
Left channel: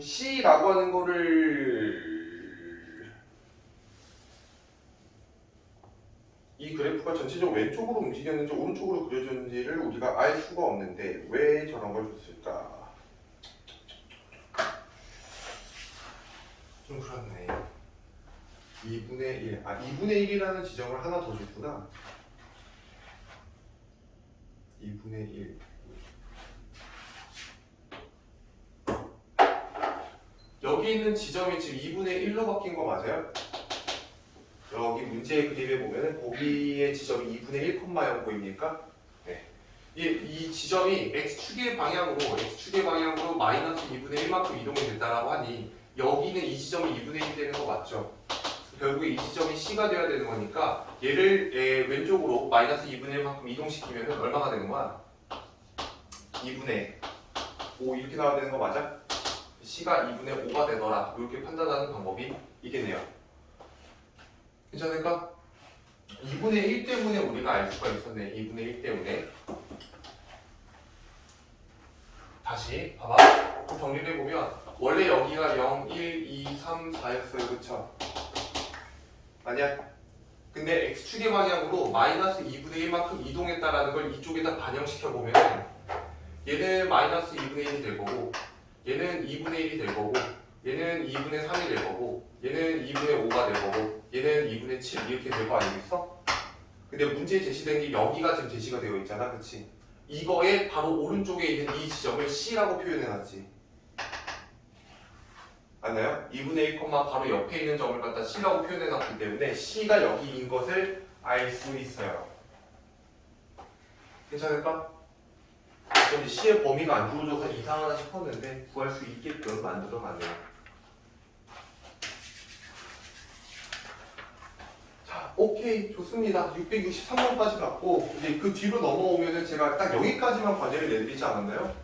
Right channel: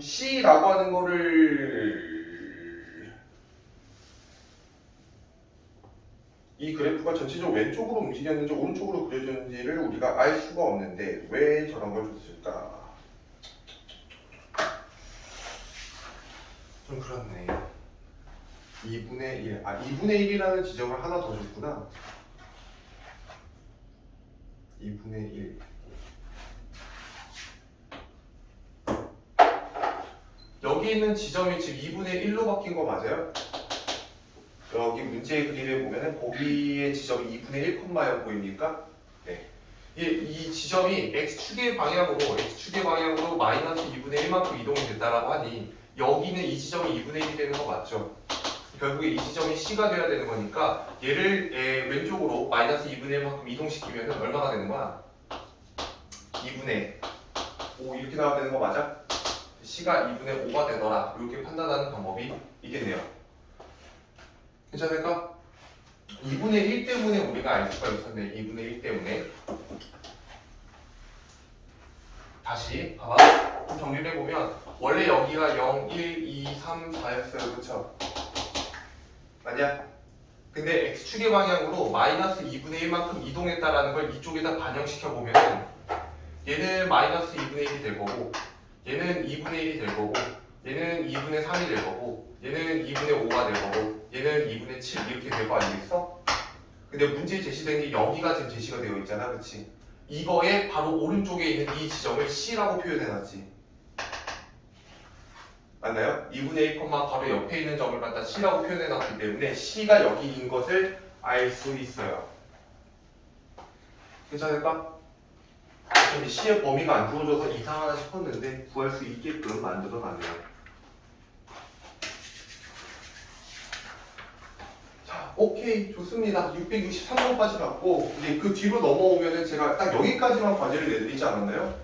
C라고 하는 거를 이 그래프가 전체적으로 왼쪽으로 움직였는지 오른쪽으로 그려졌는지를 우리가 알 수가 없는데 왜 저런 걸 줬을까? 좀 그렇네. 2분의 1. 2분의 1이라는 지점을 하나 더 줬구나. 2분의 1. 여기 있는 지점이 지금 2분의 1로 바뀐 거 맞아요? 여기 문제의 그림에 보면은 거기의 지점이 2분의 1,0 보입니까? 네. 이 지점이 x축의 방향으로 마이너스 2분의 1만큼 이동이 됐다라고 하니 여기는 이 지점이 2분의 1이 되는 거 맞죠? 결국에 이 지점이 C가 돼야 되는 거니까 얘를 왼쪽으로 마이너스 2분의 1만큼 이동시키면 얼마가 되는 거야? 2분의 5 이렇게 나와야 되는 거 맞아? C가 2분의 5가 되더라. 이렇게 판단하는 방법이 있겠네요. 괜찮을까? 2분의 1 때문에 우리가 알 수가 있었네. 2분의 1 때문에. 다시 봐봐. 좀 정리를 해보면 원래 여기가 0, 1, 2, 3, 4였어요. 그쵸? 아니야? 근데 X축의 방향으로 마이너스 2분의 1만큼 이동했다라는 걸 이쪽에다 반영시켜보면 얘는 마이너스 2분의 1이 될 거고 얘는 2분의 1이 될 거고 얘는 2분의 3이 될 거고 얘는 2분의 5가 될 거고 얘는 2분의 7 이렇게 될 거 아니겠어? 근데 문제 제시된 게 여기가 지금 제시가 되어 있잖아, 그치? 이거의 바로 오른쪽에 있는 이 지점을 C라고 표현해놨지. 맞나요? 2분의 1, 바로 옆에 있는 점을 갖다 C라고 표현해놨기 때문에 C가 여기인 것을 알 수 있어요. 괜찮을까? 근데 C의 범위가 안 주어져서 이상하다 싶었는데 구할 수 있게끔 만들어놨네요. 자, 오케이, 좋습니다. 663번까지 갔고 이제 그 뒤로 넘어오면은 제가 딱 여기까지만 관리를 내드리지 않았나요?